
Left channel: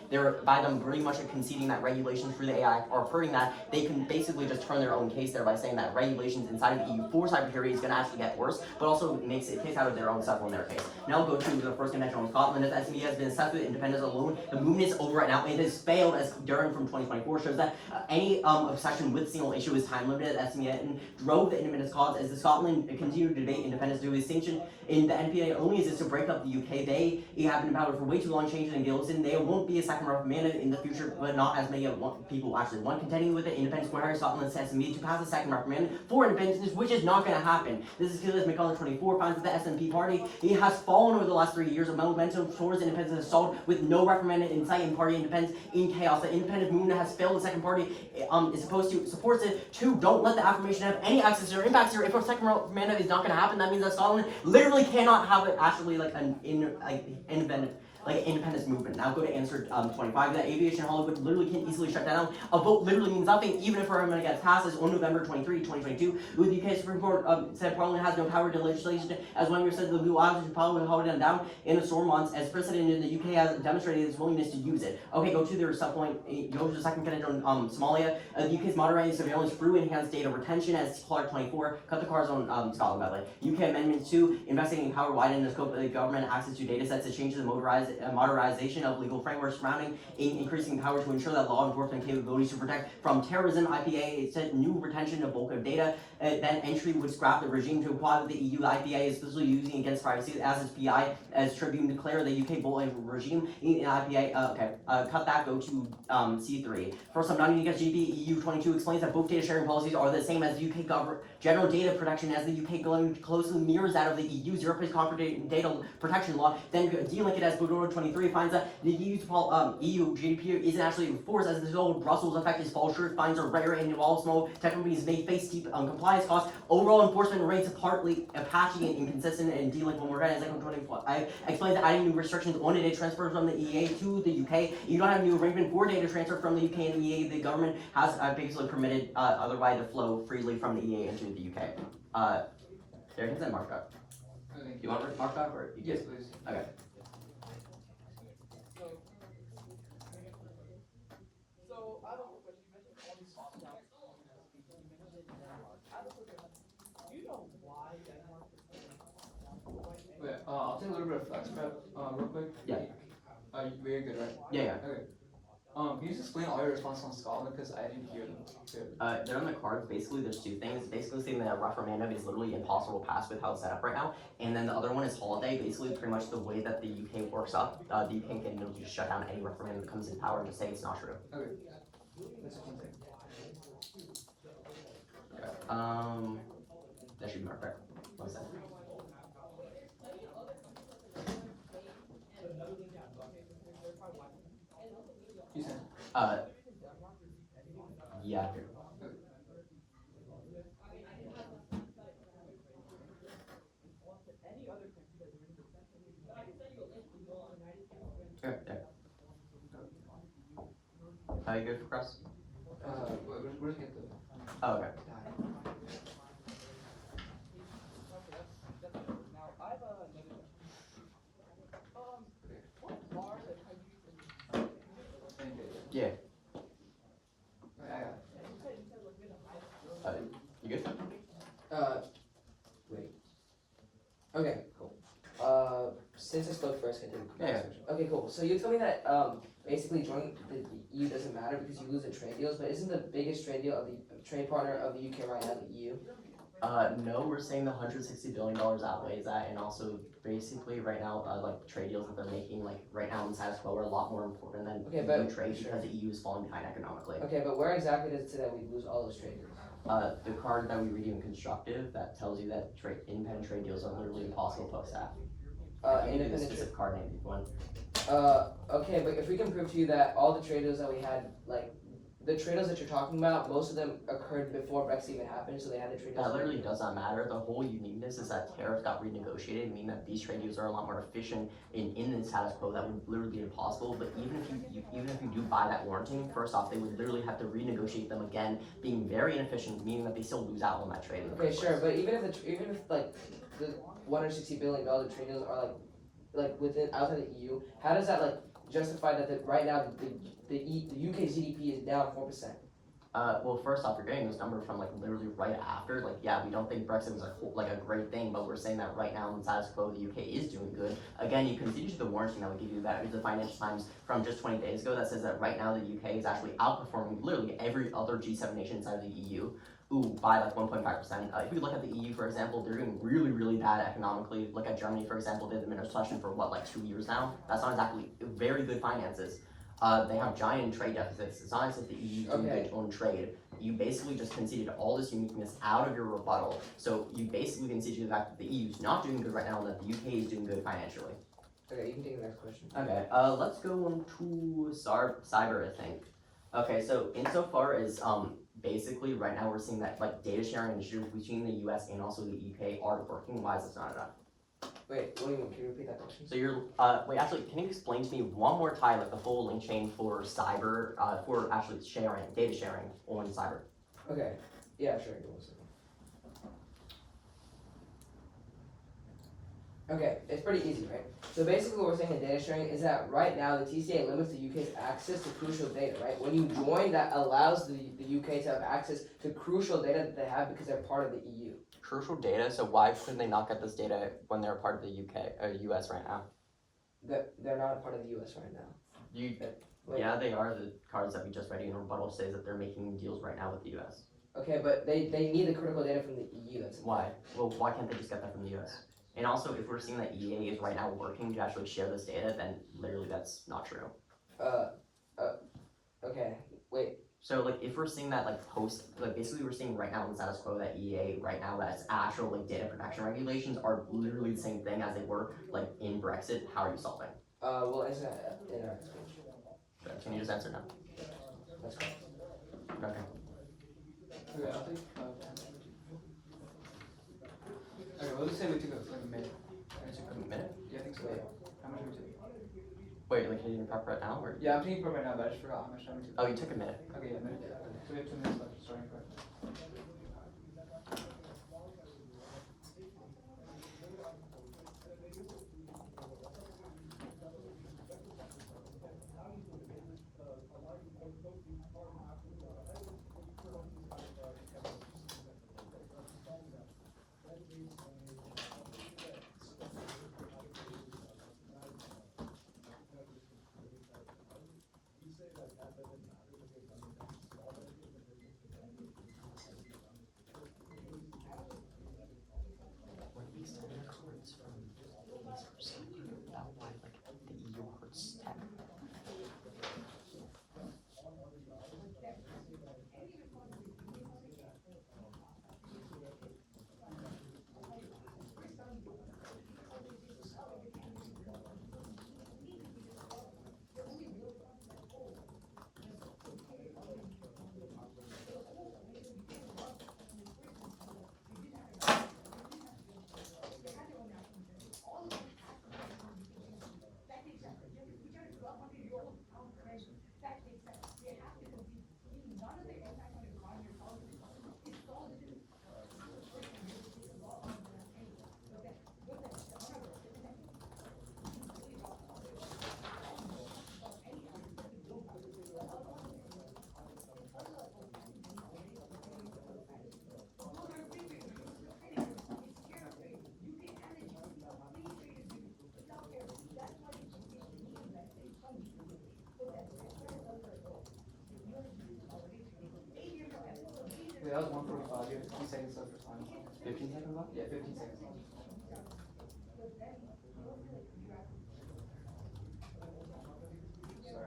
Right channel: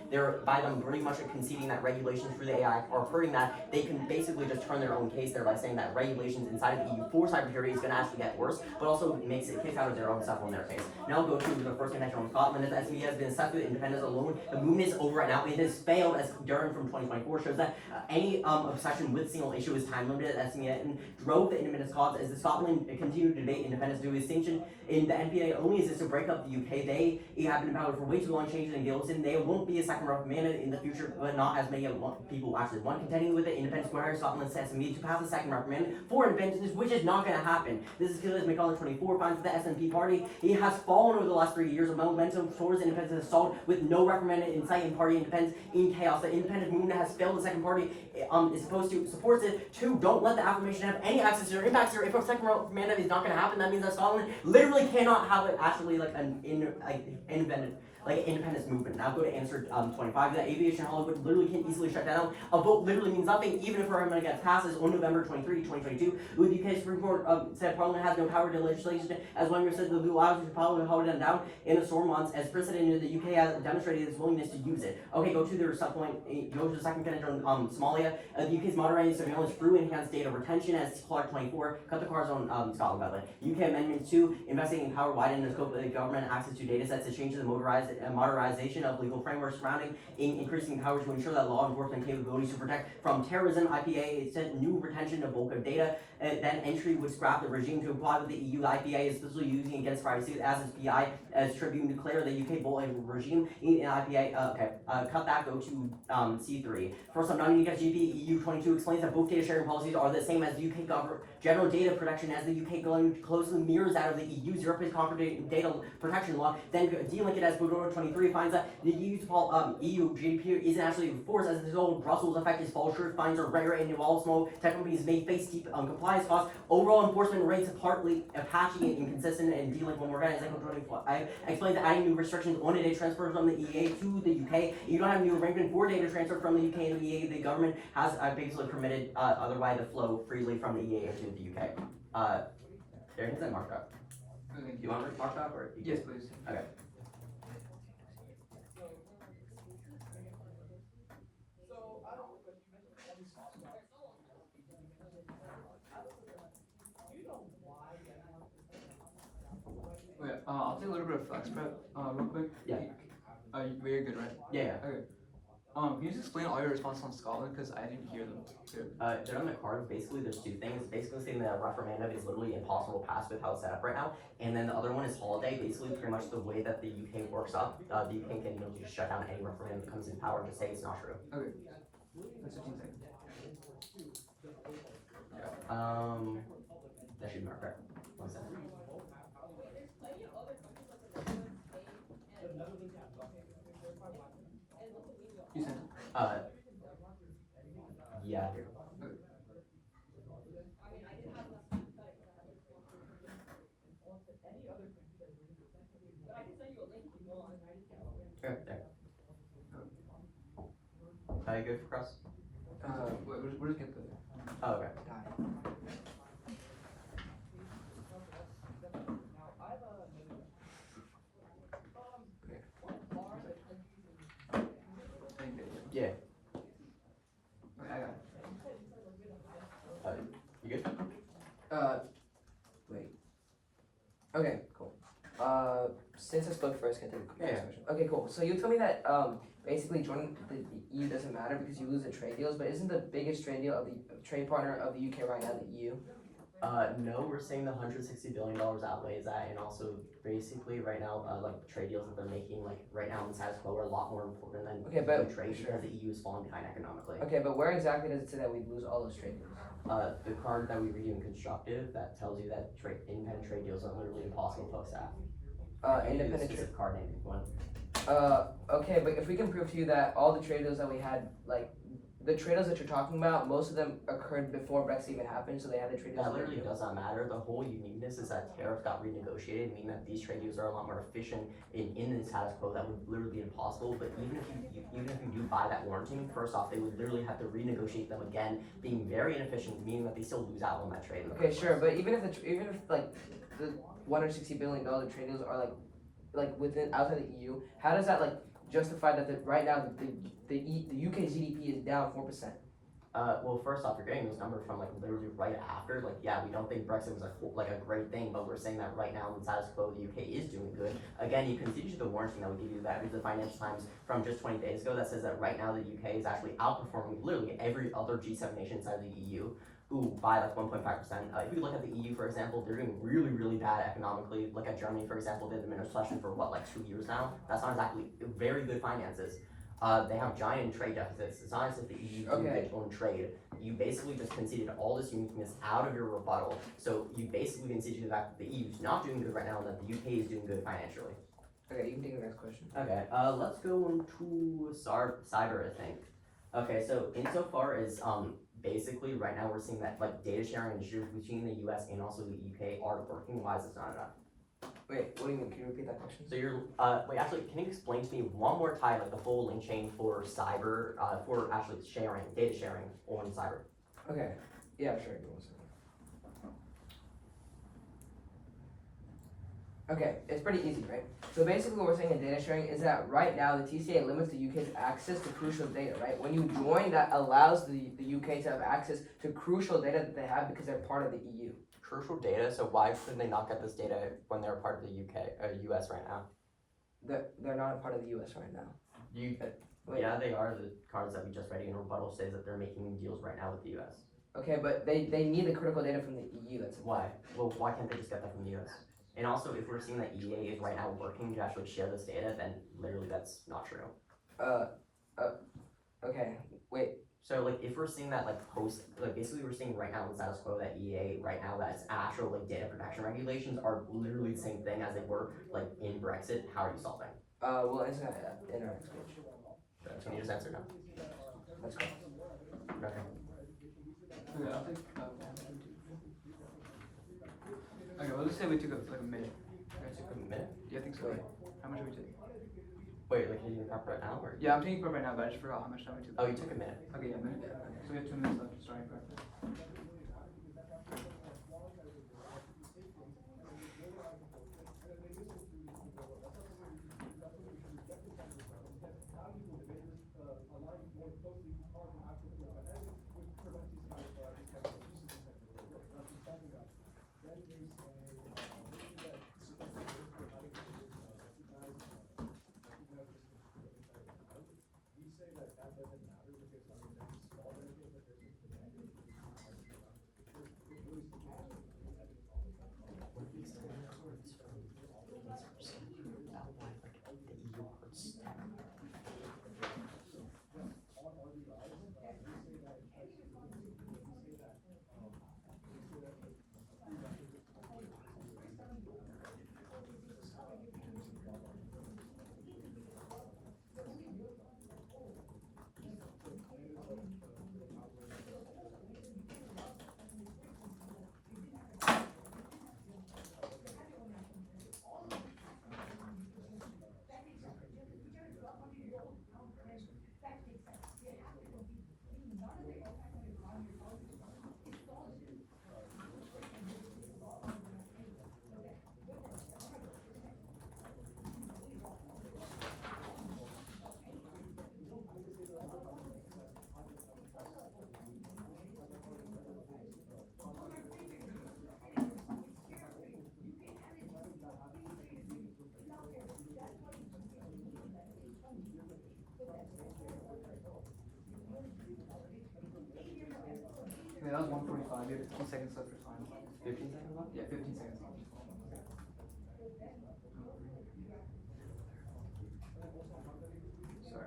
By them pretty much conceding that regulations through the AI are hurting that. They can basically just turn their own case there by saying that regulations inside of the EU for cybersecurity is going to actually get worse, but also makes it kick out of their own stuff in their case. Now go to the first convention on Scotland. As SME has been assessed with independence alone, the movement is over right now. It has failed as Durham from 2024 shows that any obsession with single issue is time limited as SME and drove the independence cause as the Scotland continued to debate independence due to distinction in the NPA only is to break up the UK. They have been battled for way too long, changing in Gilson. There won't be a second referendum in the future, but not as many people actually want. Contending with the independence square, Scotland says to me to pass a second referendum for independence, which is not going to happen. This is because McCullough 24 finds that the SNP party has fallen over the last 3 years of momentum towards independence has stalled with no referendum in sight and party independence in chaos. The independent movement has failed. The second party is supposed to supports it. 2, don't let the affirmation have any access to your impacts here. If a second referendum is not going to happen, that means that Scotland literally cannot have it actually independent like independence movement. Now go to answer 25. That aviation Hollywood literally can easily shut down. A vote literally means nothing, even if our amendment gets passed as on November 23, 2022. The UK Supreme Court said Parliament has no power to legislation, as when we said the blue eyes should probably hold them down in a storm months, as precedent in the UK has demonstrated its willingness to use it. Okay, go to their subpoint. Go to the second candidate on Somalia. The UK's moderating surveillance through enhanced data retention, as Clark 24. Cut the cars on Scotland, by the way. UK Amendment 2, investigating power widening the scope of the government access to data sets to change the modernization of legal frameworks surrounding increasing power to ensure that law enforcement capabilities to protect from terrorism. IPA, it said new retention of bulk of data. Then entry would scrap the regime to comply with the EU. The IPA is specifically using against privacy as its PI, as Tribune declared the UK bullying regime in IPA. Cut that, go to C3. First up, GP EU 22 explains that both data sharing policies are the same as UK general data protection, as the UK closely mirrors that of the EU's European corporate data protection law. Then delink it as Budora 23 finds that the EU GDP isn't actually enforced, as the result of Brussels effect is false sure fines are rare and involve small tech companies may face steep compliance costs. Overall enforcement rates are partly patchy and inconsistent, and delink one more time as I explained that adding new restrictions on a data transfer from the EA to the UK. You don't have a new arrangement for data transfer from the UK and the EA. The government has basically permitted otherwise to flow freely from the EA into the UK. There, hit that markup. Okay. Do you want to mark that or? Yes, please. Okay. Okay, I'll take a little bit of flex prep, real quick. Yeah. Very good, right? Yeah. Okay. Can you just explain all your responses on Scotland, because I didn't hear them clearly. They're on the cards. Basically, there's two things. Basically, saying that a referendum is literally impossible to pass with how it's set up right now. And then the other one is holiday. Basically, pretty much the way that the UK works up, the UK can just shut down any referendum that comes in power and just say it's not true. Okay. That's 15 seconds. That should be marked right. 1 second. You sent it. Yeah. There. You good for cross? Where's hit the? Oh, okay. Yeah. Okay, I got it. You good? Wait. Okay, cool. Since I spoke first, can I do the next Yeah. question? Okay, cool. So you told me that basically joining the EU doesn't matter because you lose the trade deals, but isn't the biggest trade deal of the trade partner of the UK right now the EU? No, we're saying the $160 billion outweighs that, and also basically right now, like trade deals that they're making, like right now in status quo, are a lot more important than Okay, but- no trade because the EU is falling behind economically. Okay, but where exactly does it say that we lose all those trade deals? The card that we read in constructive that tells you that independent trade deals are literally impossible to accept. Independent specific card name if you want. Okay, but if we can prove to you that all the trade deals that we had, like the trade deals that you're talking about, most of them occurred before Brexit even happened, so they had the trade deals. That literally does not matter. The whole uniqueness is that tariffs got renegotiated, meaning that these trade deals are a lot more efficient in the status quo. That would literally be impossible. But even if you do buy that warranting, first off, they would literally have to renegotiate them again, being very inefficient, meaning that they still lose out on that trade. Okay, sure, but even if like the $160 billion trade deals are like within outside the EU, how does that like justify that right now the UK GDP is down 4%? Well, first off, you're getting this number from like literally right after. Like, yeah, we don't think Brexit was like a great thing, but we're saying that right now in status quo, the UK is doing good. Again, you can see the warranting that would give you that. Here's the Financial Times from just 20 days ago that says that right now the UK is actually outperforming literally every other G7 nation inside the EU. By like 1.5%. If you look at the EU, for example, they're doing really, really bad economically. Look at Germany, for example, they've been in recession for what, like 2 years now? That's not exactly very good finances. They have giant trade deficits. It's not as if the EU doing its own trade. You basically just conceded all this uniqueness out of your rebuttal. So you basically conceded the fact that the EU is not doing good right now and that the UK is doing good financially. Okay, you can take the next question. Okay, let's go on to cyber, I think. Okay, so insofar as basically right now we're seeing that like data sharing initiatives between the US and also the UK are working. Why is this not enough? Wait, what do you mean? Can you repeat that question? So you're, wait, actually, can you explain to me one more time, like, the full link chain for cyber, for actually sharing, data sharing on cyber? Okay. Yeah, sure. Give me 1 second. Okay, it's pretty easy, right? So basically what we're saying in data sharing is that right now the TCA limits the UK's access to crucial data, right? When you join, that allows the UK to have access to crucial data that they have because they're part of the EU. Crucial data, so why shouldn't they not get this data when they're part of the US right now? They're not a part of the US right now. Wait. Yeah, they are. The cards that we just read in rebuttal says that they're making deals right now with the US. Okay, but they need the critical data from the EU. That's Why? Well, why can't they just get that from the US? And also, if we're seeing that EA is right now working to actually share this data, then literally that's not true. Okay, wait. So, like, if we're seeing that, like, basically we're seeing right now in status quo that EA right now, that its actual, like, data protection regulations are literally the same thing as they were, like, in Brexit. How are you solving? We'll answer that in our next page. Can you just answer now? That's correct. Okay. Okay, I'll take. Okay, well, let's say we took like a minute. A minute? Yeah, I think so. Wait. How much did we take? Wait, like, can you prep right now, or? Yeah, I'm taking prep right now, but I just forgot how much time we took. Oh, you took a minute. Okay, yeah, a minute. Yeah, okay. So we have 2 minutes left starting prep. Okay, that was 1:45. You have 15 seconds left for time. 15 seconds left? Yeah, 15 seconds left. Sorry.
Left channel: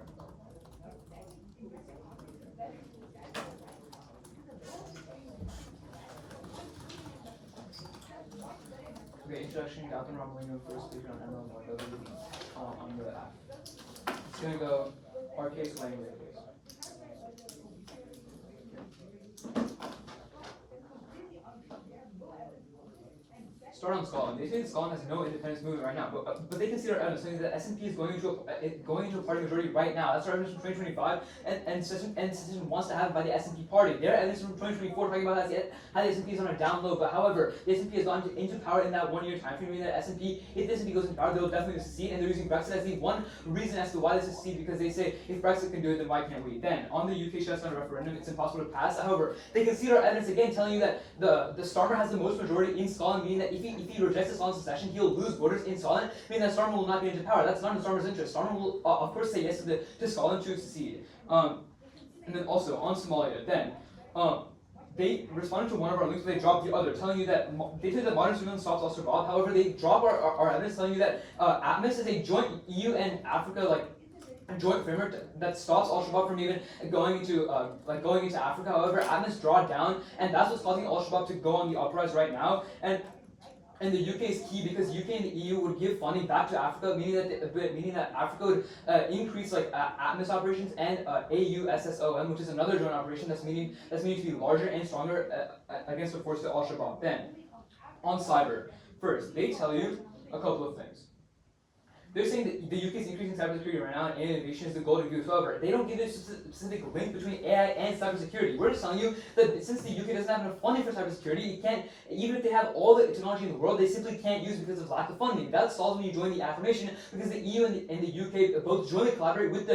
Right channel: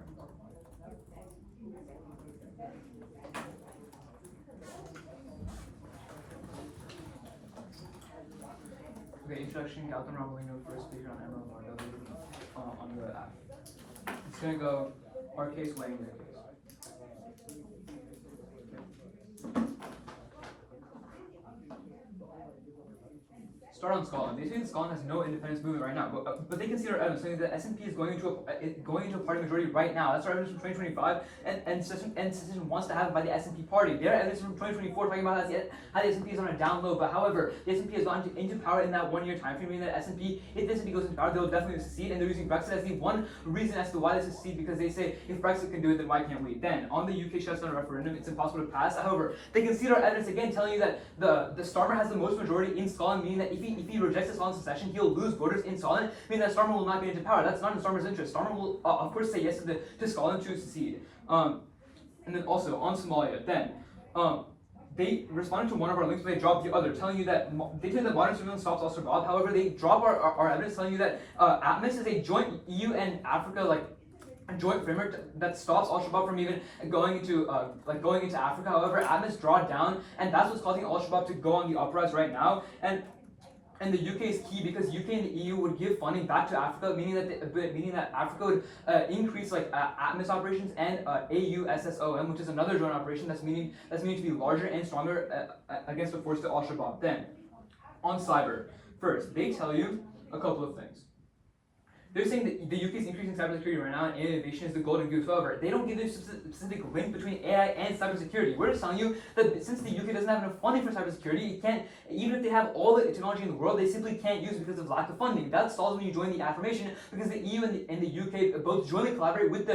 Okay, introduction, Galton Romolino, first speaker on Emerald Mondo, on the app. It's gonna go our case language. Start on Scotland. They say that Scotland has no independence movement right now, but they consider evidence saying that S&P is going into a party majority right now. That's our evidence from 2025, and secession wants to have it by the S&P party. Their evidence from 2024 talking about how the S&P is on a down low, but however, the S&P has gone into power in that 1 year time frame, meaning that if the S&P goes into power, they'll definitely succeed, and they're using Brexit as the one reason as to why they succeed, because they say if Brexit can do it, then why can't we? Then, on the UK shutdown referendum, it's impossible to pass. However, they concede our evidence again, telling you that the Starmer has the most majority in Scotland, meaning that if he rejects the Scotland secession, he'll lose voters in Scotland, meaning that Starmer will not get into power. That's not in Starmer's interest. Starmer will, of course, say yes to Scotland to secede. And then also, on Somalia, then, they responded to one of our links, but they dropped the other, telling you that they said that modern surveillance stops al-Shabaab. However, they drop our evidence, telling you that ATMIS is a joint EU and Africa, like, a joint framework that stops al-Shabaab from even going into Africa. However, ATMIS draw down, and that's what's causing al-Shabaab to go on the uprise right now. And the UK is key because UK and the EU would give funding back to Africa, meaning that Africa would increase like ATMIS operations and AUSSOM, which is another joint operation that's meaning to be larger and stronger against the force to al-Shabaab. Then, on cyber, first they tell you a couple of things. They're saying that the UK's increasing cybersecurity right now and innovation is the golden goose. However, they don't give a specific link between AI and cybersecurity. We're just telling you that since the UK doesn't have enough funding for cybersecurity, it can't, even if they have all the technology in the world, they simply can't use it because of lack of funding. That stalls when you join the affirmation because the EU and the UK both jointly collaborate with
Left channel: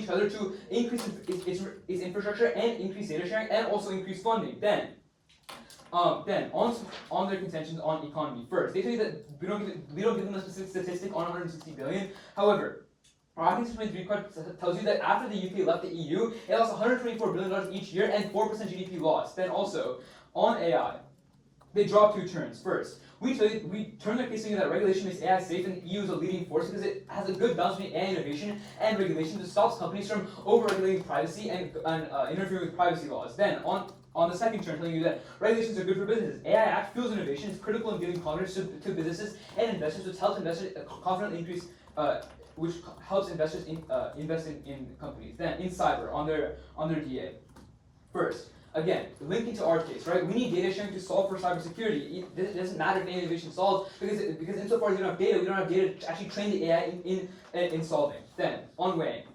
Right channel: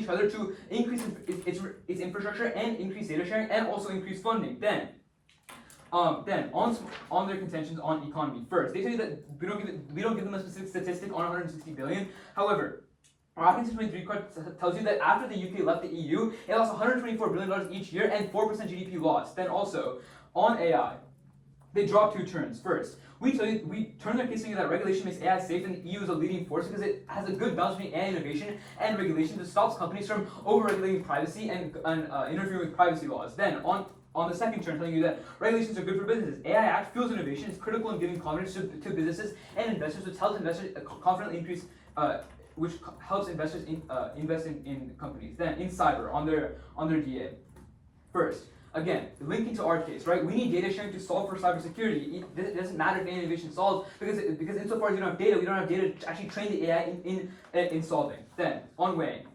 each other to increase its infrastructure and increase data sharing and also increase funding. Then on their contentions on economy. First, they tell you that we don't give them a specific statistic on 160 billion. However, our Athens 23 card tells you that after the UK left the EU, it lost 124 billion dollars each year and 4% GDP loss. Then also on AI, they draw two turns. First, we turn their case saying that regulation makes AI safe and the EU is a leading force because it has a good balance between AI innovation and regulation that stops companies from over-regulating privacy and interfering with privacy laws. Then on the second turn, telling you that regulations are good for businesses. AI Act fuels innovation, is critical in giving confidence to businesses and investors, which helps investors confidently increase, which helps investors invest in companies. Then in cyber, on their DA. First, again, linking to our case, right? We need data sharing to solve for cybersecurity. It doesn't matter if any innovation solves because insofar as we don't have data, we don't have data to actually train the AI in solving. Then on weighing.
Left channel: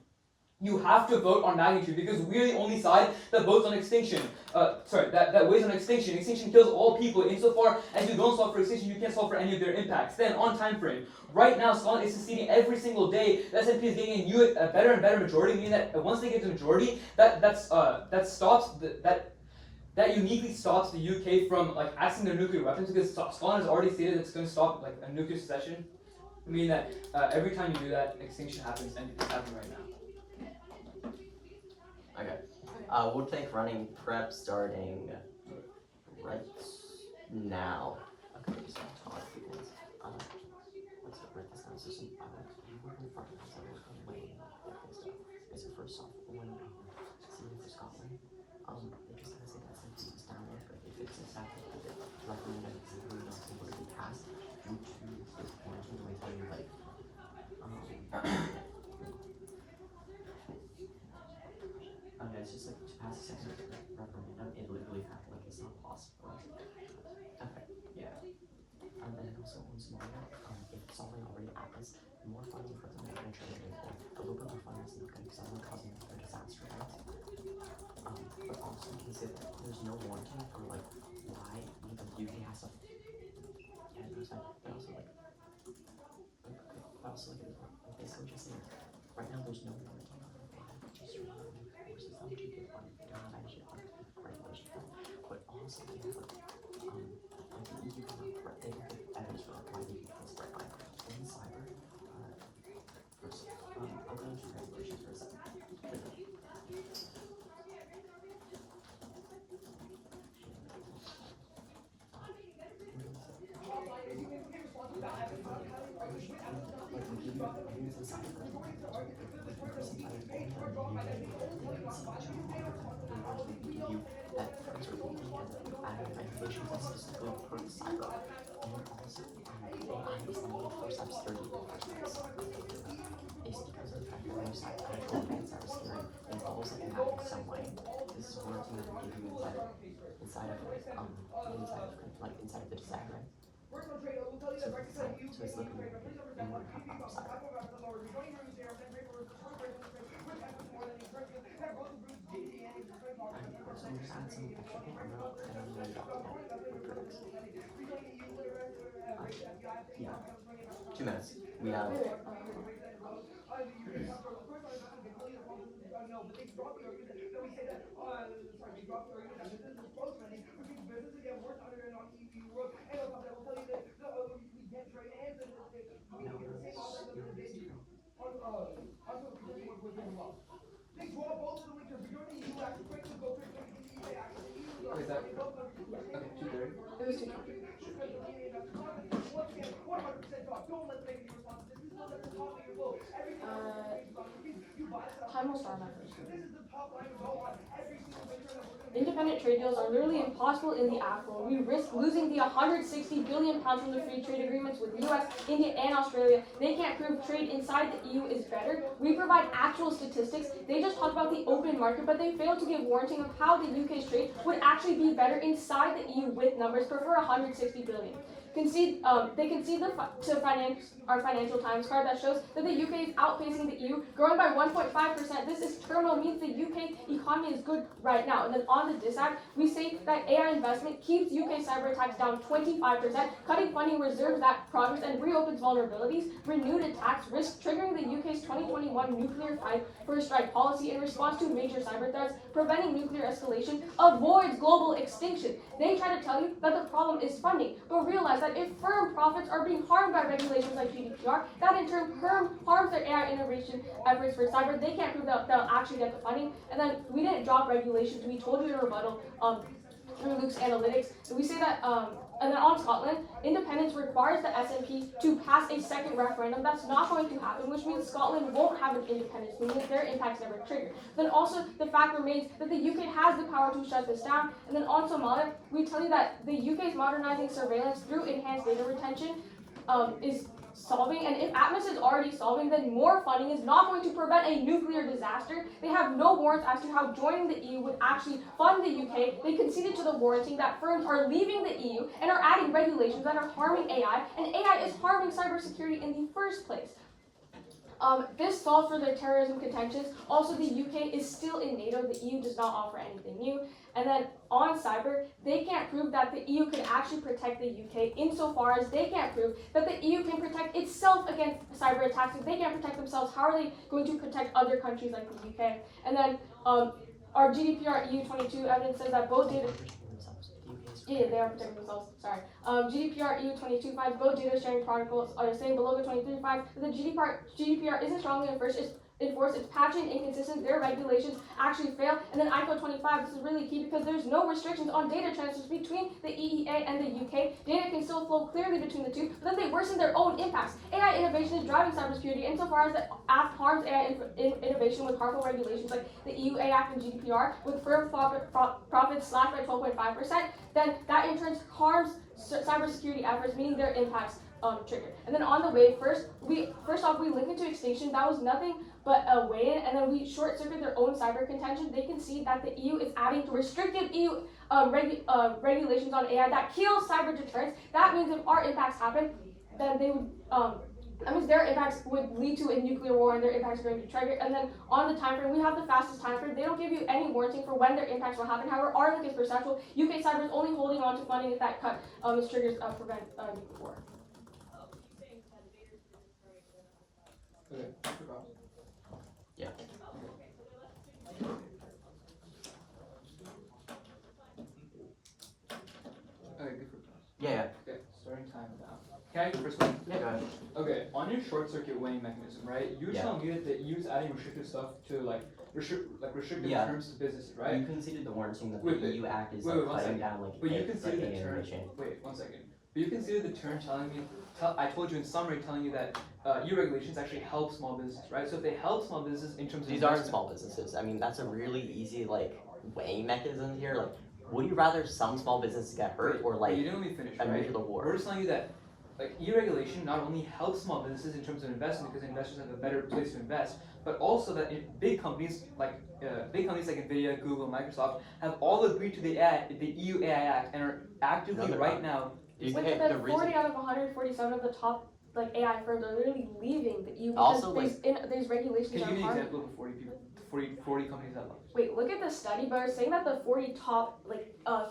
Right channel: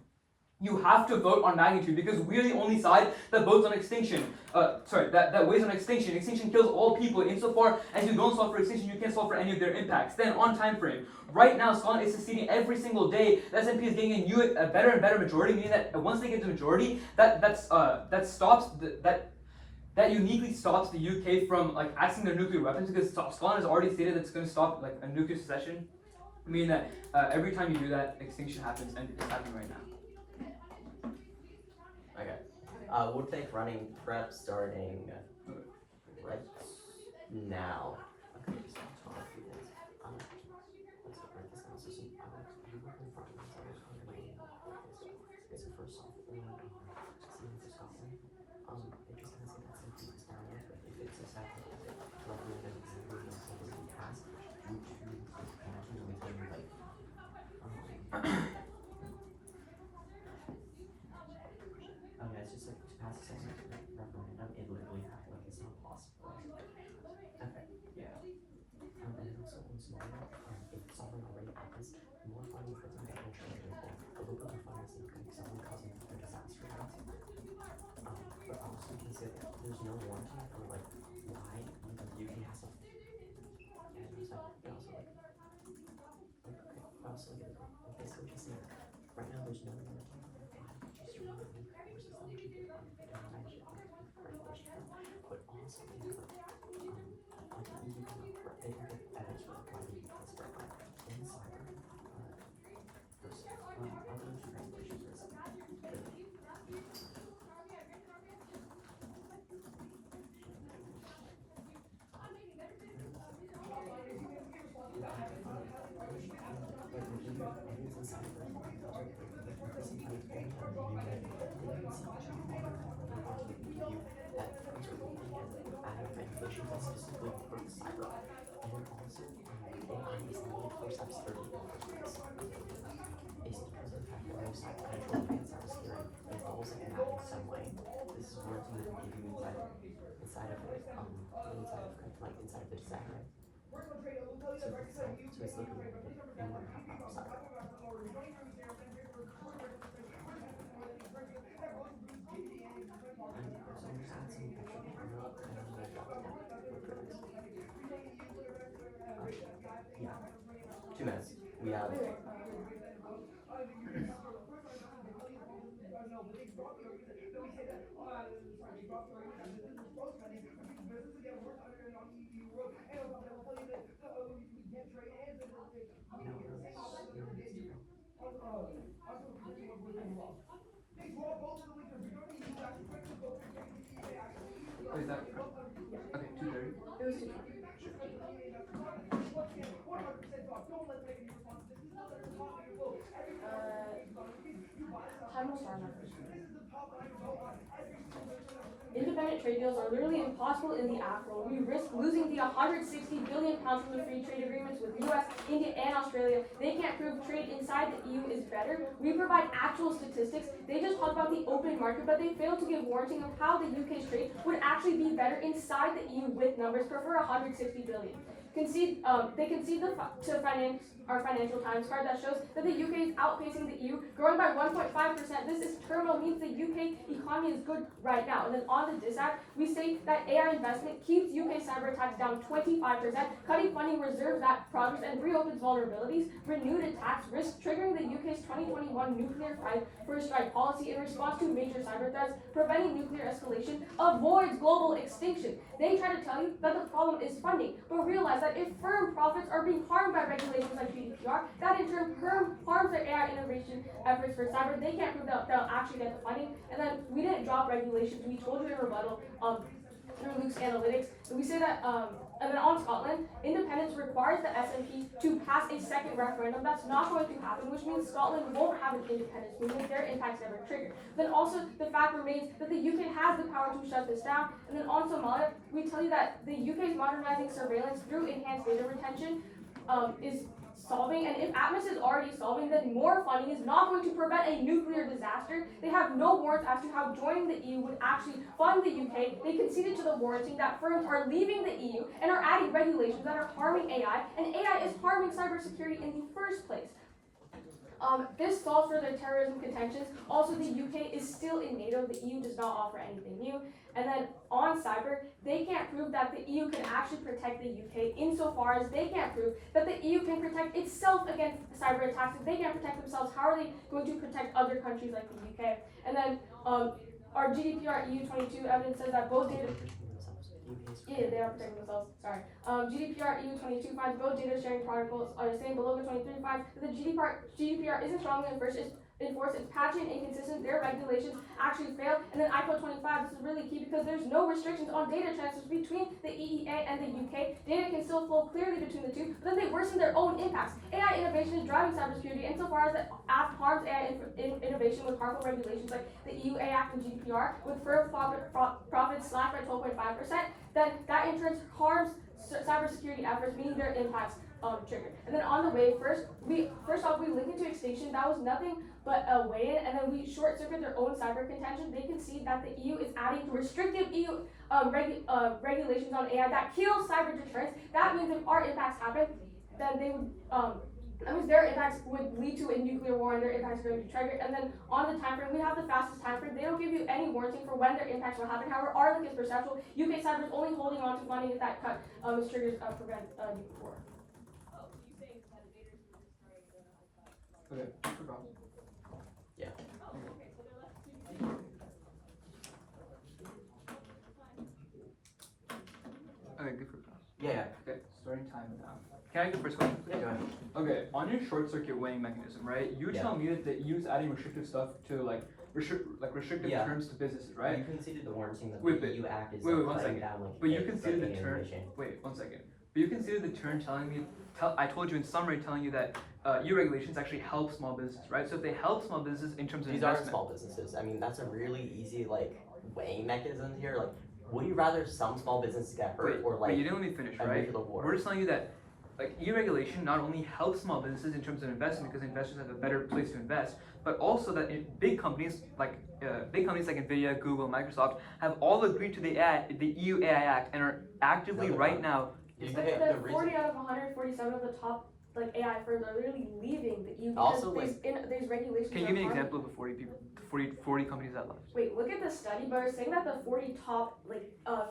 You have to vote on magnitude because we're the only side that votes on extinction. That weighs on extinction. Extinction kills all people. Insofar as you don't solve for extinction, you can't solve for any of their impacts. Then on time frame, right now Scotland is seceding every single day. The SNP is getting a better and better majority, meaning that once they get the majority, that uniquely stops the UK from like accessing their nuclear weapons because Scotland has already stated that it's going to stop like a nuclear secession. Meaning that every time you do that, extinction happens, and it's happening right now. Okay. We'll take running prep starting right now. Okay, so let's do this. Let's get rid of this now. So you work in front of us. I was going to wait so first off, we want to see for Scotland. They just have to say that since it's down there, but if it's a second, recommended we don't think it will be passed due to this penalty, let me tell you like it's just like to pass a second referendum, it literally happened, like it's not possible. Okay, yeah. And then also one scenario, if something already happens, more funding for them than training, a little bit of funding is not going to be something causing a disaster event. But also consider there's no warranty for like why even the UK has to. Yeah, there's that. But also like, basically just saying right now there's no warranty for like just forces them to get on regulation, but also they have like the EU can like they can get editors for like why the UK is right now in cyber. First, I'll go into regulations for a second. Inside of the design, right? So it's looking like they want to have outside. Yeah. 2 minutes. We have. Oh, is that okay? 2:30. It was 2:20. Time will start my first one. Independent trade deals are literally impossible in the AFCO. We risk losing the 160 billion pounds from the free trade agreements with US, India, and Australia. They can't prove trade inside the EU is better. We provide actual statistics. They just talk about the open market, but they fail to give warranting of how the UK's trade would actually be better inside the EU with numbers for 160 billion. they concede our Financial Times card that shows that the UK is outpacing the EU, growing by 1.5%. This terminal means the UK economy is good right now. And then on the DISAC, we say that AI investment keeps UK cyber attacks down 25%, cutting funding reserves that progress and reopens vulnerabilities. Renewed attacks risk triggering the UK's 2021 nuclear first strike policy in response to major cyber threats. Preventing nuclear escalation avoids global extinction. They try to tell you that the problem is funding, but realize that if firm profits are being harmed by regulations like GDPR, that in turn harms their AI innovation efforts for cyber. They can't prove that they'll actually get the funding. And then we didn't drop regulations. We told you in rebuttal through Luke's analytics. So we say that, and then on Scotland, independence requires the SNP to pass a second referendum. That's not going to happen, which means Scotland won't have an independence, meaning that their impact's never triggered. Then also, the fact remains that the UK has the power to shut this down. And then on Somalia, we tell you that the UK is modernizing surveillance through enhanced data retention is solving, and if Atmos is already solving, then more funding is not going to prevent a nuclear disaster. They have no warrants as to how joining the EU would actually fund the UK. They conceded to the warranting that firms are leaving the EU and are adding regulations that are harming AI, and AI is harming cybersecurity in the first place. This solves for their terrorism contentions. Also, the UK is still in NATO. The EU does not offer anything new. And then on cyber, they can't prove that the EU can actually protect the UK insofar as they can't prove that the EU can protect itself against cyber attacks. If they can't protect themselves, how are they going to protect other countries like the UK? And then our GDPR EU22 evidence says that both data... Yeah, they are protecting themselves. Sorry. GDPR EU22 finds both data sharing protocols are the same. Below the 23 finds that the GDPR isn't strongly enforced. It's patchy and inconsistent. Their regulations actually fail. And then ICO 25, this is really key because there's no restrictions on data transfers between the EEA and the UK. Data can still flow clearly between the two, but then they worsen their own impacts. AI innovation is driving cybersecurity insofar as the act harms AI innovation with harmful regulations like the EU AI Act and GDPR, with firm profits slashed by 12.5%. Then that in turn harms cybersecurity efforts, meaning their impacts triggered. And then on the way, first off we link it to extinction. That was nothing but a weigh-in, and then we short-circuit their own cyber contention. They concede that the EU is adding restrictive EU regulations on AI that kill cyber deterrence. That means if our impacts happen, then they would that means their impacts would lead to a nuclear war, and their impacts are going to be triggered. And then on the time frame, we have the fastest time frame. They don't give you any warranting for when their impacts will happen. However, our link is perceptual. UK cyber is only holding on to funding if that cut is triggers prevent war. Okay. Yeah. Okay, good for Yeah. Okay, starting time now. Can I go first question? Yeah, go ahead. Okay, on your short circuit weighing mechanism, right? You were telling me that the EU's adding restrictive stuff to restrictive Yeah. terms to businesses, right? You conceded the warranting that Wait, the but- EU Act is wait, like one cutting second. down like But you like, considered the term. innovation. Wait, 1 second. But you considered the term telling me. I told you in summary, telling you that EU regulations actually help small businesses, right? So if they help small businesses in terms of These aren't investment, small businesses. I mean, that's a really easy like weighing mechanism here. Like, would you rather some small businesses get hurt or wait, like you didn't let me finish, a right? nuclear war? We're just telling you that like EU regulation not only helps small businesses in terms of investment because investors have a better place to invest, but also that big companies like Nvidia, Google, Microsoft have all agreed to the EU AI Act and are actively right now. You Like get the the 40 reason. out of 147 of the top AI firms are literally leaving the EU because Also, there's regulations. Can you that give me an harm- example of the 40 people, 40 companies that left? Wait, look at the study, but we're saying that the 40 top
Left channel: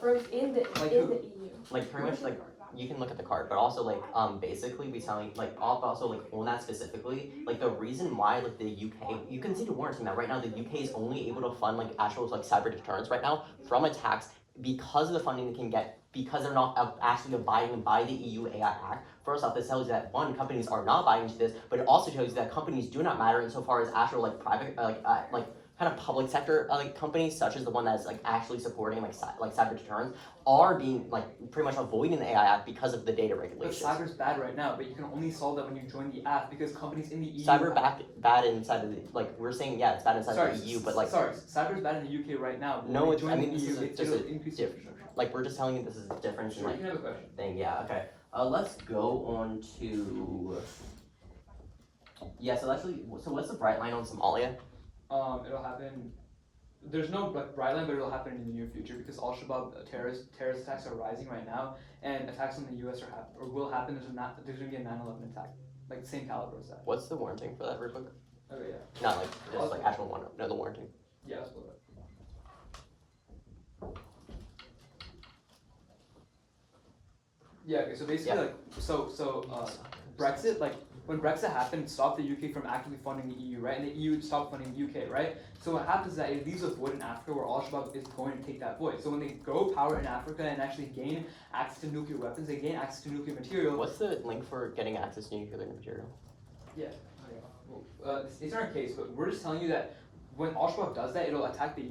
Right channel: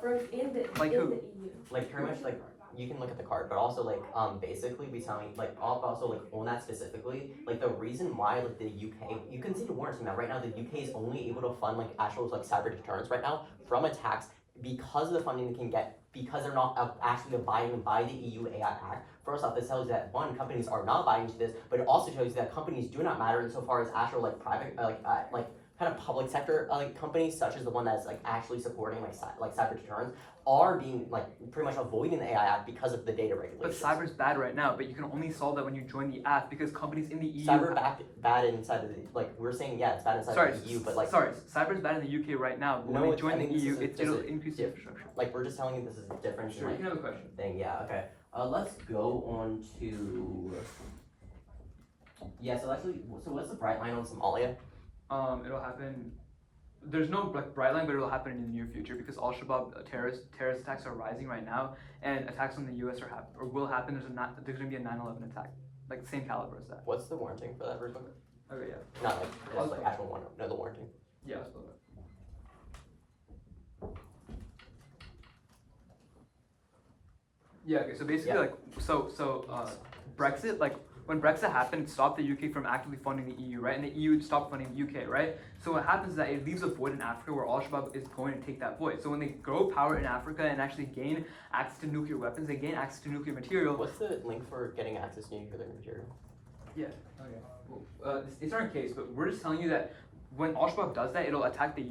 firms in the Like in who? the EU. Like pretty much like you can look at the card, but also like basically we telling like also like on that specifically, like the reason why like the UK, you can see the warranting that right now the UK is only able to fund like actual like cyber deterrence right now from attacks because of the funding they can get because they're not actually abiding by the EU AI Act. First off, this tells you that one, companies are not buying into this, but it also tells you that companies do not matter insofar as actual like private kind of public sector like companies such as the one that's like actually supporting like cyber deterrence are being like pretty much avoiding the AI Act because of the data But regulations. cyber's bad right now, but you can only solve that when you join the app because companies in the EU. Cyber bad inside of the we're saying it's bad inside of the EU, but like cyber's bad in the UK right now. But when No, you it's- join I mean, the this EU, is a- it'll just a increase the diff- infrastructure. like we're just telling you this is a different Sure, you can have a question. thing. Yeah, okay. Let's go on to so what's the bright line on Somalia? It'll happen there's no like bright line, but it'll happen in the near future because Al Shabaab terrorist attacks are rising right now, and attacks on the U.S. or will happen. There's gonna be a 9/11 attack, like the same caliber as that. What's the warranting for that version? Okay, yeah. Not like just like actual one. No, the warranty. Yeah, I'll spell that. Yeah. Okay. So basically, Yeah. Brexit, like when Brexit happened, it stopped the UK from actively funding the EU, right? And the EU stopped funding the UK, right? So what happens is that it leaves a void in Africa where Al Shabaab is going to take that void. So when they grow power in Africa and actually gain access to nuclear weapons, they gain access to nuclear material. What's the link for getting access to nuclear material? Yeah. Okay. Well, it's our case, but we're just telling you that when Al Shabaab does that, it'll attack the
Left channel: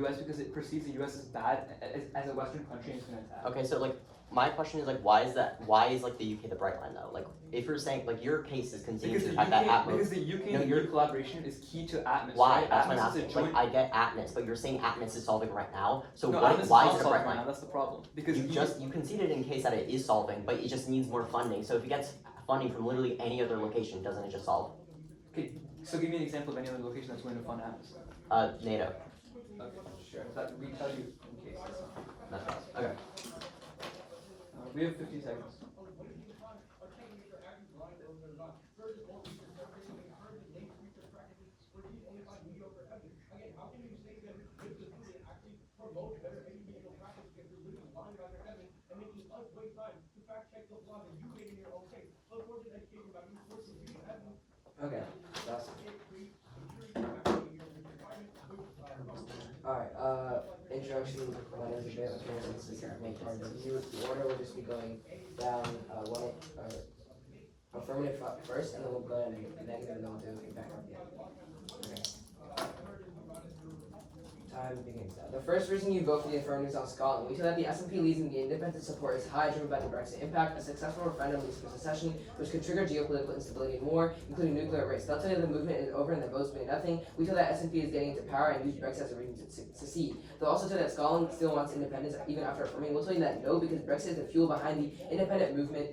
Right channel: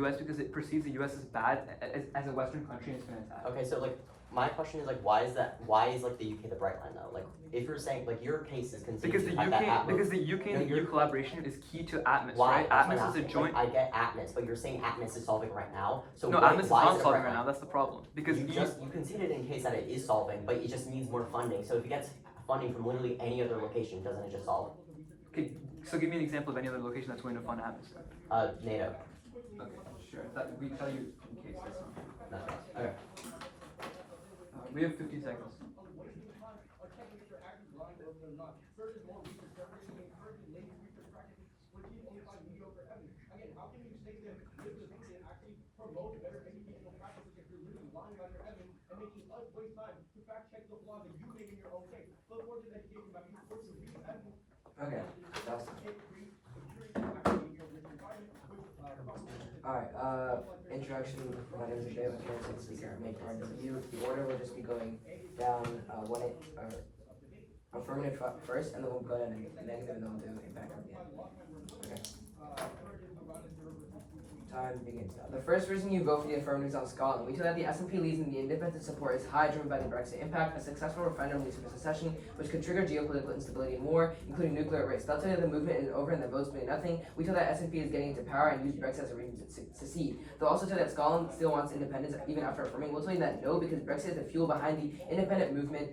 U.S. because it perceives the U.S. as bad as a Western country, and it's going to attack. Okay, so like my question is like, why is like the UK the bright line though? Like if you're saying like your case is Because continuing the to have that UK, Atmos. because the UK and No, the EU collaboration is key to Atmos, Why? right? That's what I'm Atmos is a asking. joint. Like, I get Atmos, but you're saying Atmos is solving right now. So No, why, Atmos is why not is it solving right right now. That's the problem. Because you conceded in case that it is solving, but it just needs more funding. So if it gets funding from literally any other location, doesn't it just solve? Okay, so give me an example of any other location that's willing to fund Atmos. NATO. Okay, sure. That we tell you in case that's not. That's us. Okay. We have 15 seconds. Okay, that's alright, introduction, my name is Dave, this is make part of the review. The order will just be going down, affirmative first, and then we'll go down negative, and then we'll do impact at the end. Okay. Time begins now. The first reason you vote for the affirmative is on Scotland. We feel that the SNP leads in the independent support is high, driven by the Brexit impact. A successful referendum leads to secession, which could trigger geopolitical instability and war, including nuclear risk. They'll tell you the movement is over and the votes mean nothing. We feel that SNP is getting into power and use Brexit as a reason to secede. They'll also tell you that Scotland still wants independence even after affirming. We'll tell you that no, because Brexit is the fuel behind the independent movement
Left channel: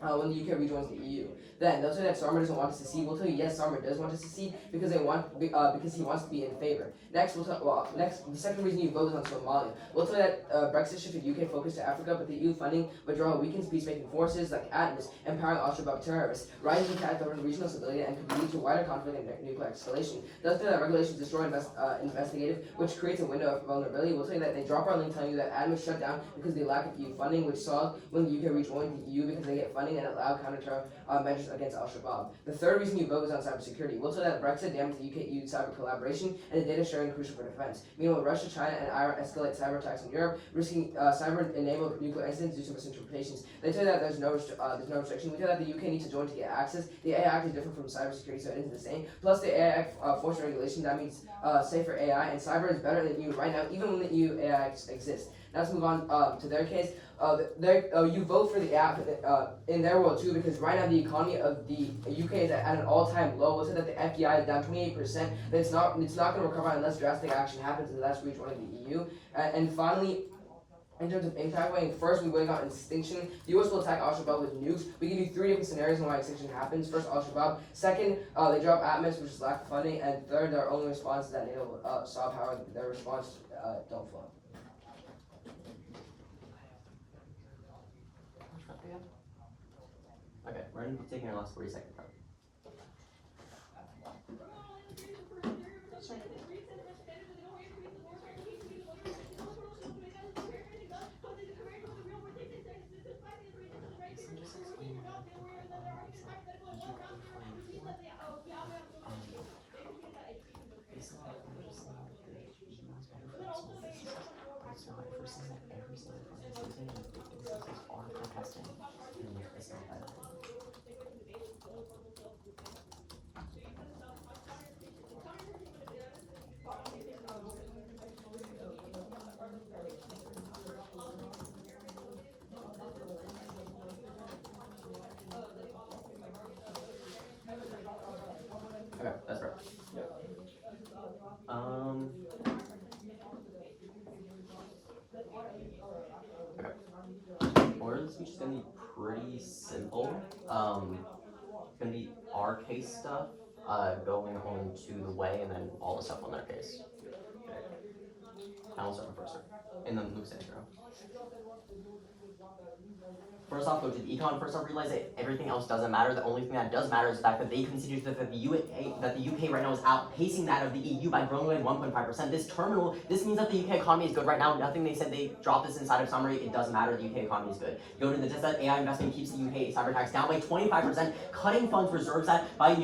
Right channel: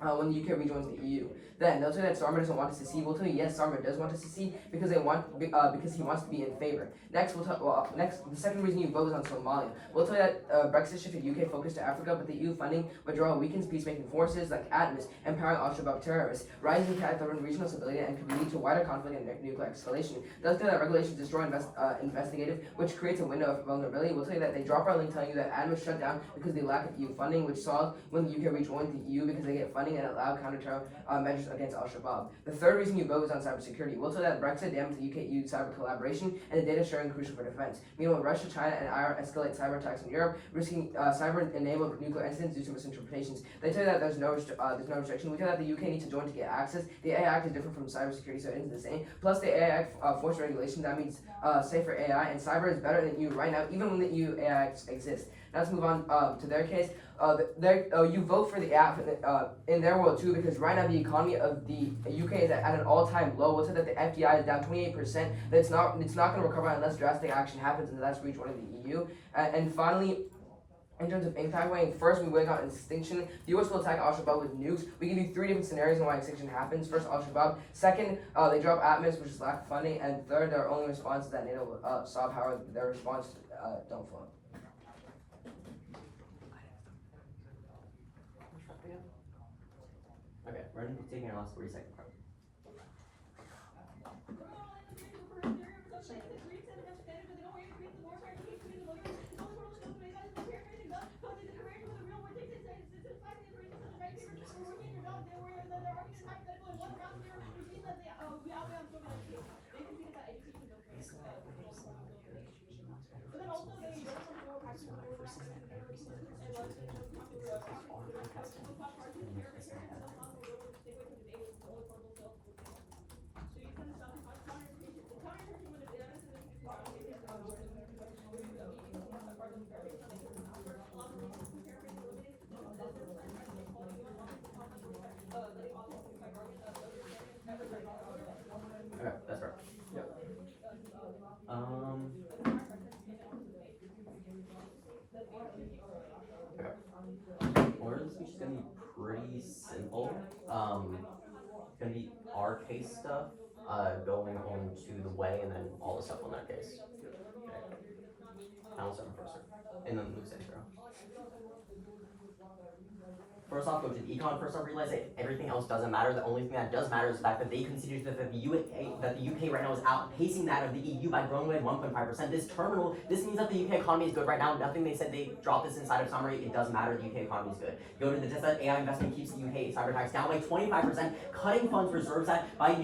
when the UK rejoins the EU. Then they'll tell you that Starmer doesn't want to secede. We'll tell you yes, Starmer does want to secede because because he wants to be in favor. Next, the second reason you vote is on Somalia. We'll tell you that Brexit shifted UK focus to Africa, but the EU funding withdrawal weakens peacemaking forces like ATMIS, empowering Al Shabaab terrorists, rising cat threat regional stability, and could lead to wider conflict and nuclear escalation. They'll tell you that regulations destroy investigative, which creates a window of vulnerability. We'll tell you that they drop our link telling you that ATMIS shut down because they lack of EU funding, which saw when the UK rejoined the EU because they get funding and allow counter measures against Al Shabaab. The third reason you vote is on cybersecurity. We'll tell you that Brexit damaged the UK EU cyber collaboration and the data sharing crucial for defense. Meanwhile, Russia, China, and Iran escalate cyber attacks in Europe, risking cyber-enabled nuclear incidents due to misinterpretations. They tell you that there's no restriction. We tell you that the UK needs to join to get access. The AI Act is different from cybersecurity, so it isn't the same. Plus, the AI Act forced regulation. That means safer AI, and cyber is better than EU right now, even when the EU AI Act exists. Now let's move on to their case. You vote for the app in their world too, because right now the economy of the UK is at an all-time low. We'll say that the FDI is down 28%. That it's not going to recover unless drastic action happens in the last region of the EU. And finally, in terms of impact weighing, first we weigh on extinction. The US will attack Al Shabaab with nukes. We give you 3 different scenarios on why extinction happens. First, Al Shabaab. Second, they drop ATMIS, which is lack of funding. And third, their only response is that NATO will stop. However, their response don't flow. Okay, we're gonna be taking our last 40-second part. Okay, that's right. Yep. Okay. Orange speech is gonna be pretty simple. It's gonna be our case stuff, going on to the way, and then all the stuff on their case. I'll start with first, and then Luke's intro. First off, go to the econ. First off, realize that everything else doesn't matter. The only thing that does matter is the fact that they consider that the UK right now is outpacing that of the EU by growing by 1.5%. This means that the UK economy is good right now. Nothing they said they dropped this inside of summary. It doesn't matter. The UK economy is good. Go to the test that AI investment keeps the UK cyber tax down by 25%, cutting funds reserves that by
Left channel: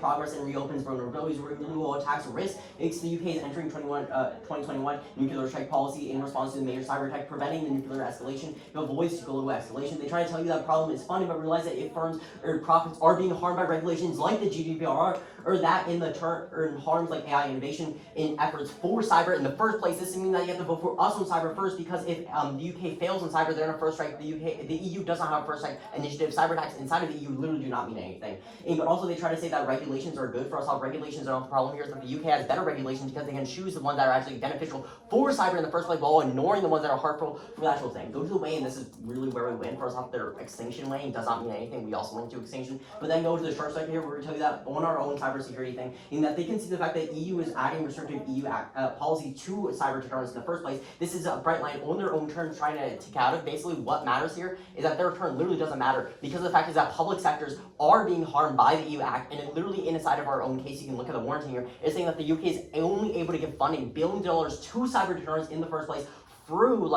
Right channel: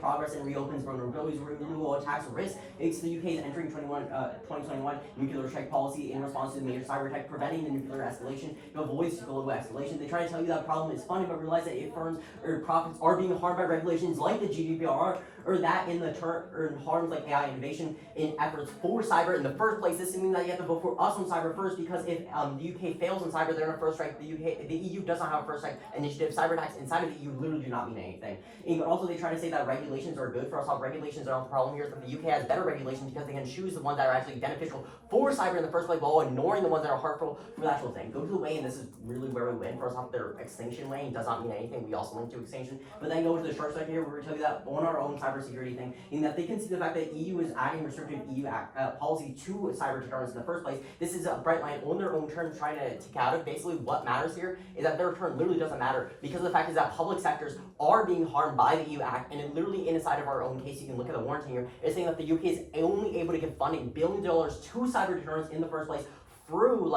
progress and reopens vulnerabilities, renewal attacks risk. It's the UK's entering 2021 nuclear strike policy in response to the major cyber attack, preventing the nuclear escalation. It avoids global escalation. They try to tell you that problem is funding, but realize that if firms or profits are being harmed by regulations like the GDPR, or that in the turn harms like AI innovation in efforts for cyber in the first place. This means that you have to vote for us on cyber first, because if the UK fails on cyber, they're in a first strike. The EU does not have a first strike initiative. Cyber attacks inside of the EU literally do not mean anything. But also they try to say that regulations are good for us. All regulations are not the problem here. Is that the UK has better regulations because they can choose the ones that are actually beneficial for cyber in the first place, while ignoring the ones that are harmful for the actual thing. Go to the way, and this is really where we win. First off, their extinction weighing does not mean anything. We also went to extinction, but then go to the short sector here. We're going to tell you that on our own cybersecurity thing, in that they can see the fact that EU is adding restrictive EU policy to cyber deterrence in the first place. This is a bright line on their own terms, trying to take out of basically what matters here is that their return literally doesn't matter, because the fact is that public sectors are being harmed by the EU Act, and it literally inside of our own case, you can look at the warranty here, is saying that the UK is only able to give funding billions of dollars to cyber deterrence in the first place through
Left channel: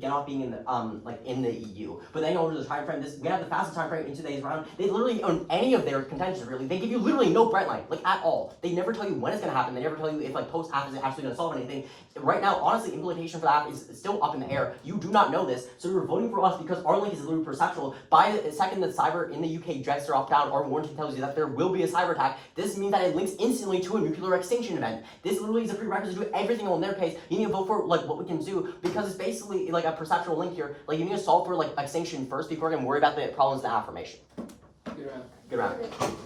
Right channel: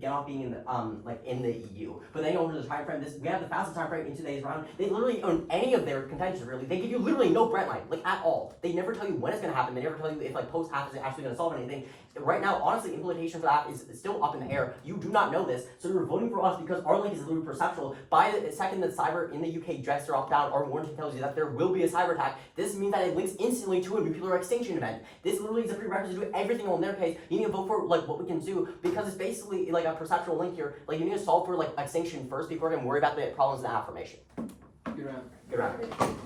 get off being in the in the EU. But then over the time frame, we have the fastest time frame in today's round. They literally own any of their contentions really. They give you literally no bright line, like at all. They never tell you when it's gonna happen. They never tell you if like post app is actually gonna solve anything. Right now, honestly, implementation for that is still up in the air. You do not know this, so you're voting for us because our link is literally perceptual. By the second that cyber in the UK gets dropped down, our warranty tells you that there will be a cyber attack. This means that it links instantly to a nuclear extinction event. This literally is a prerequisite to everything on their case. You need to vote for like what we can do, because it's basically like a perceptual link here. Like you need to solve for like extinction first before we're gonna worry about the problems in the affirmation. Good round. Good round.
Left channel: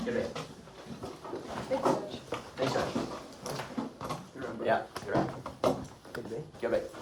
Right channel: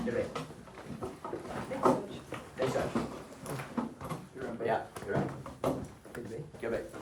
Good bit. Thanks, Josh. Good round. Yeah, good round. Good bit.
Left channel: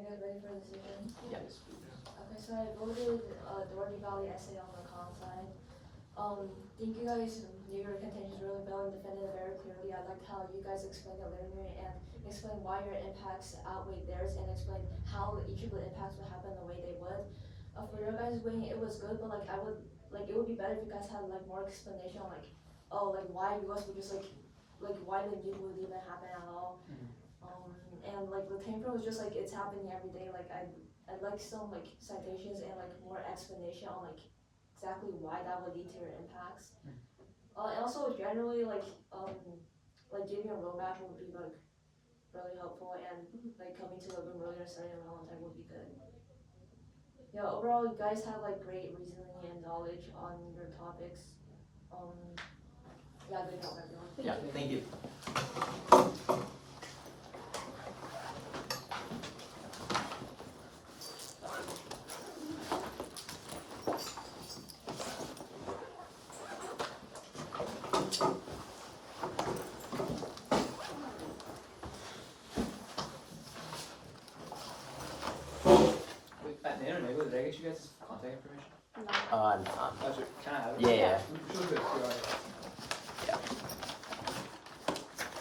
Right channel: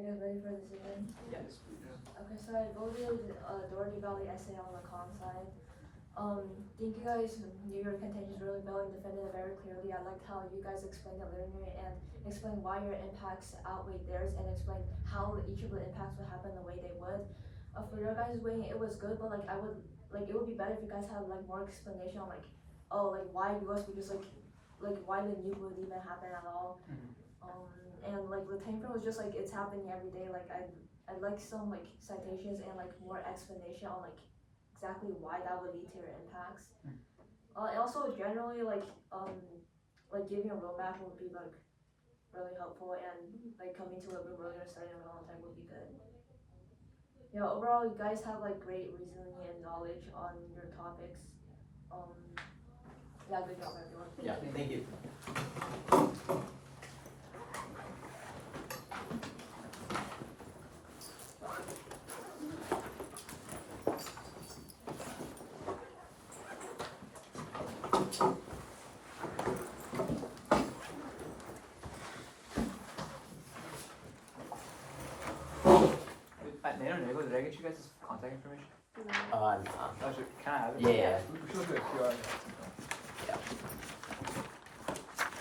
you guys ready for a decision? Yes. Okay, so I voted Dougherty Valley essay on the con side. Think you guys knew your contentions really well and defended it very clearly. I liked how you guys explained it linear and explained why your impacts outweigh theirs and explained how each of the impacts would happen the way they would. For your guys' wing, it was good, but like it would be better if you guys had like more explanation on like, oh, like why US would just like why the nuke would even happen at all. And like the time frame was just like it's happening every day. Like I'd like some like citations and like more explanation on like exactly why that would lead to your impacts. And also generally like giving a roadmap would be like really helpful and like coming to a room earlier starting on time would be good. Yeah, overall you guys have like great reasoning and knowledge on your topics. Yeah, good job everyone. Yeah, thank you. Did I get you guys' contact information? No. Actually, can I have it? Yeah. We should look at a QR.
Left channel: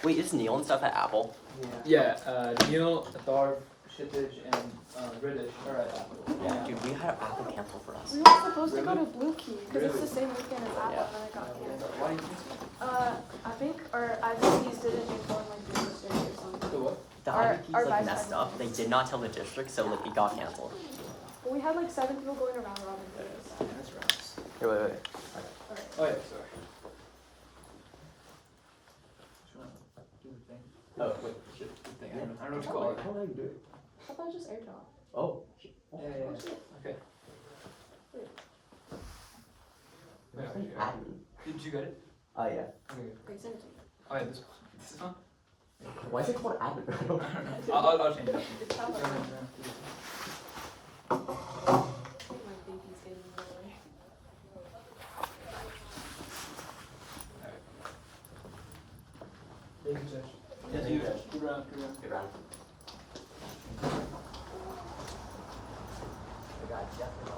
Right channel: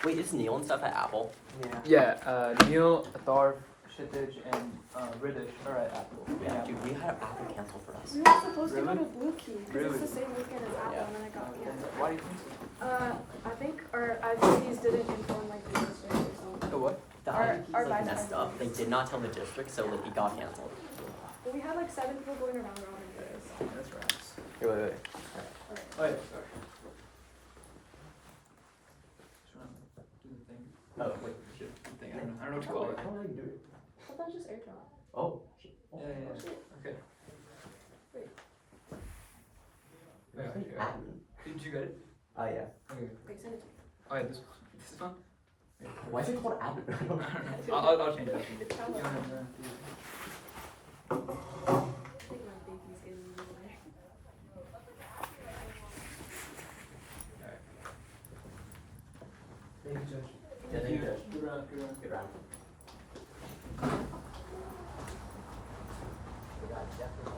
Wait, is Neil and stuff at Apple? Yeah, Neil, Athar, Shittich, and Riddish are at Apple. Yeah. Dude, we had Apple cancel for us. We were supposed to go Really? to Blue Key because it's the same weekend as Apple, Yeah. and then I got canceled. Why do you think I think our agencies didn't inform like the district or so? something. The what? The Our- IDPs our like guys messed had up. They did not tell the district, so like it got canceled. We had like 7 people going around robin for this. Yeah, that's rats. Wait. Oh yeah, sorry. Just wanna do the thing. Oh, wait. Shit, the thing. I don't know what you call it. How do I do it? I thought it was just airdrop. Oh. Yeah. Okay. Wait, actually, did you get it? Yeah. Okay. Wait, send it to me. Oh yeah, this one. Why is it called admin? I don't know. I'll change it. It's not Go like ahead, do it. my baby's getting in the way. Thank you, Judge. Yeah, thank you, Judge. Good round. Good round. We got Jeff and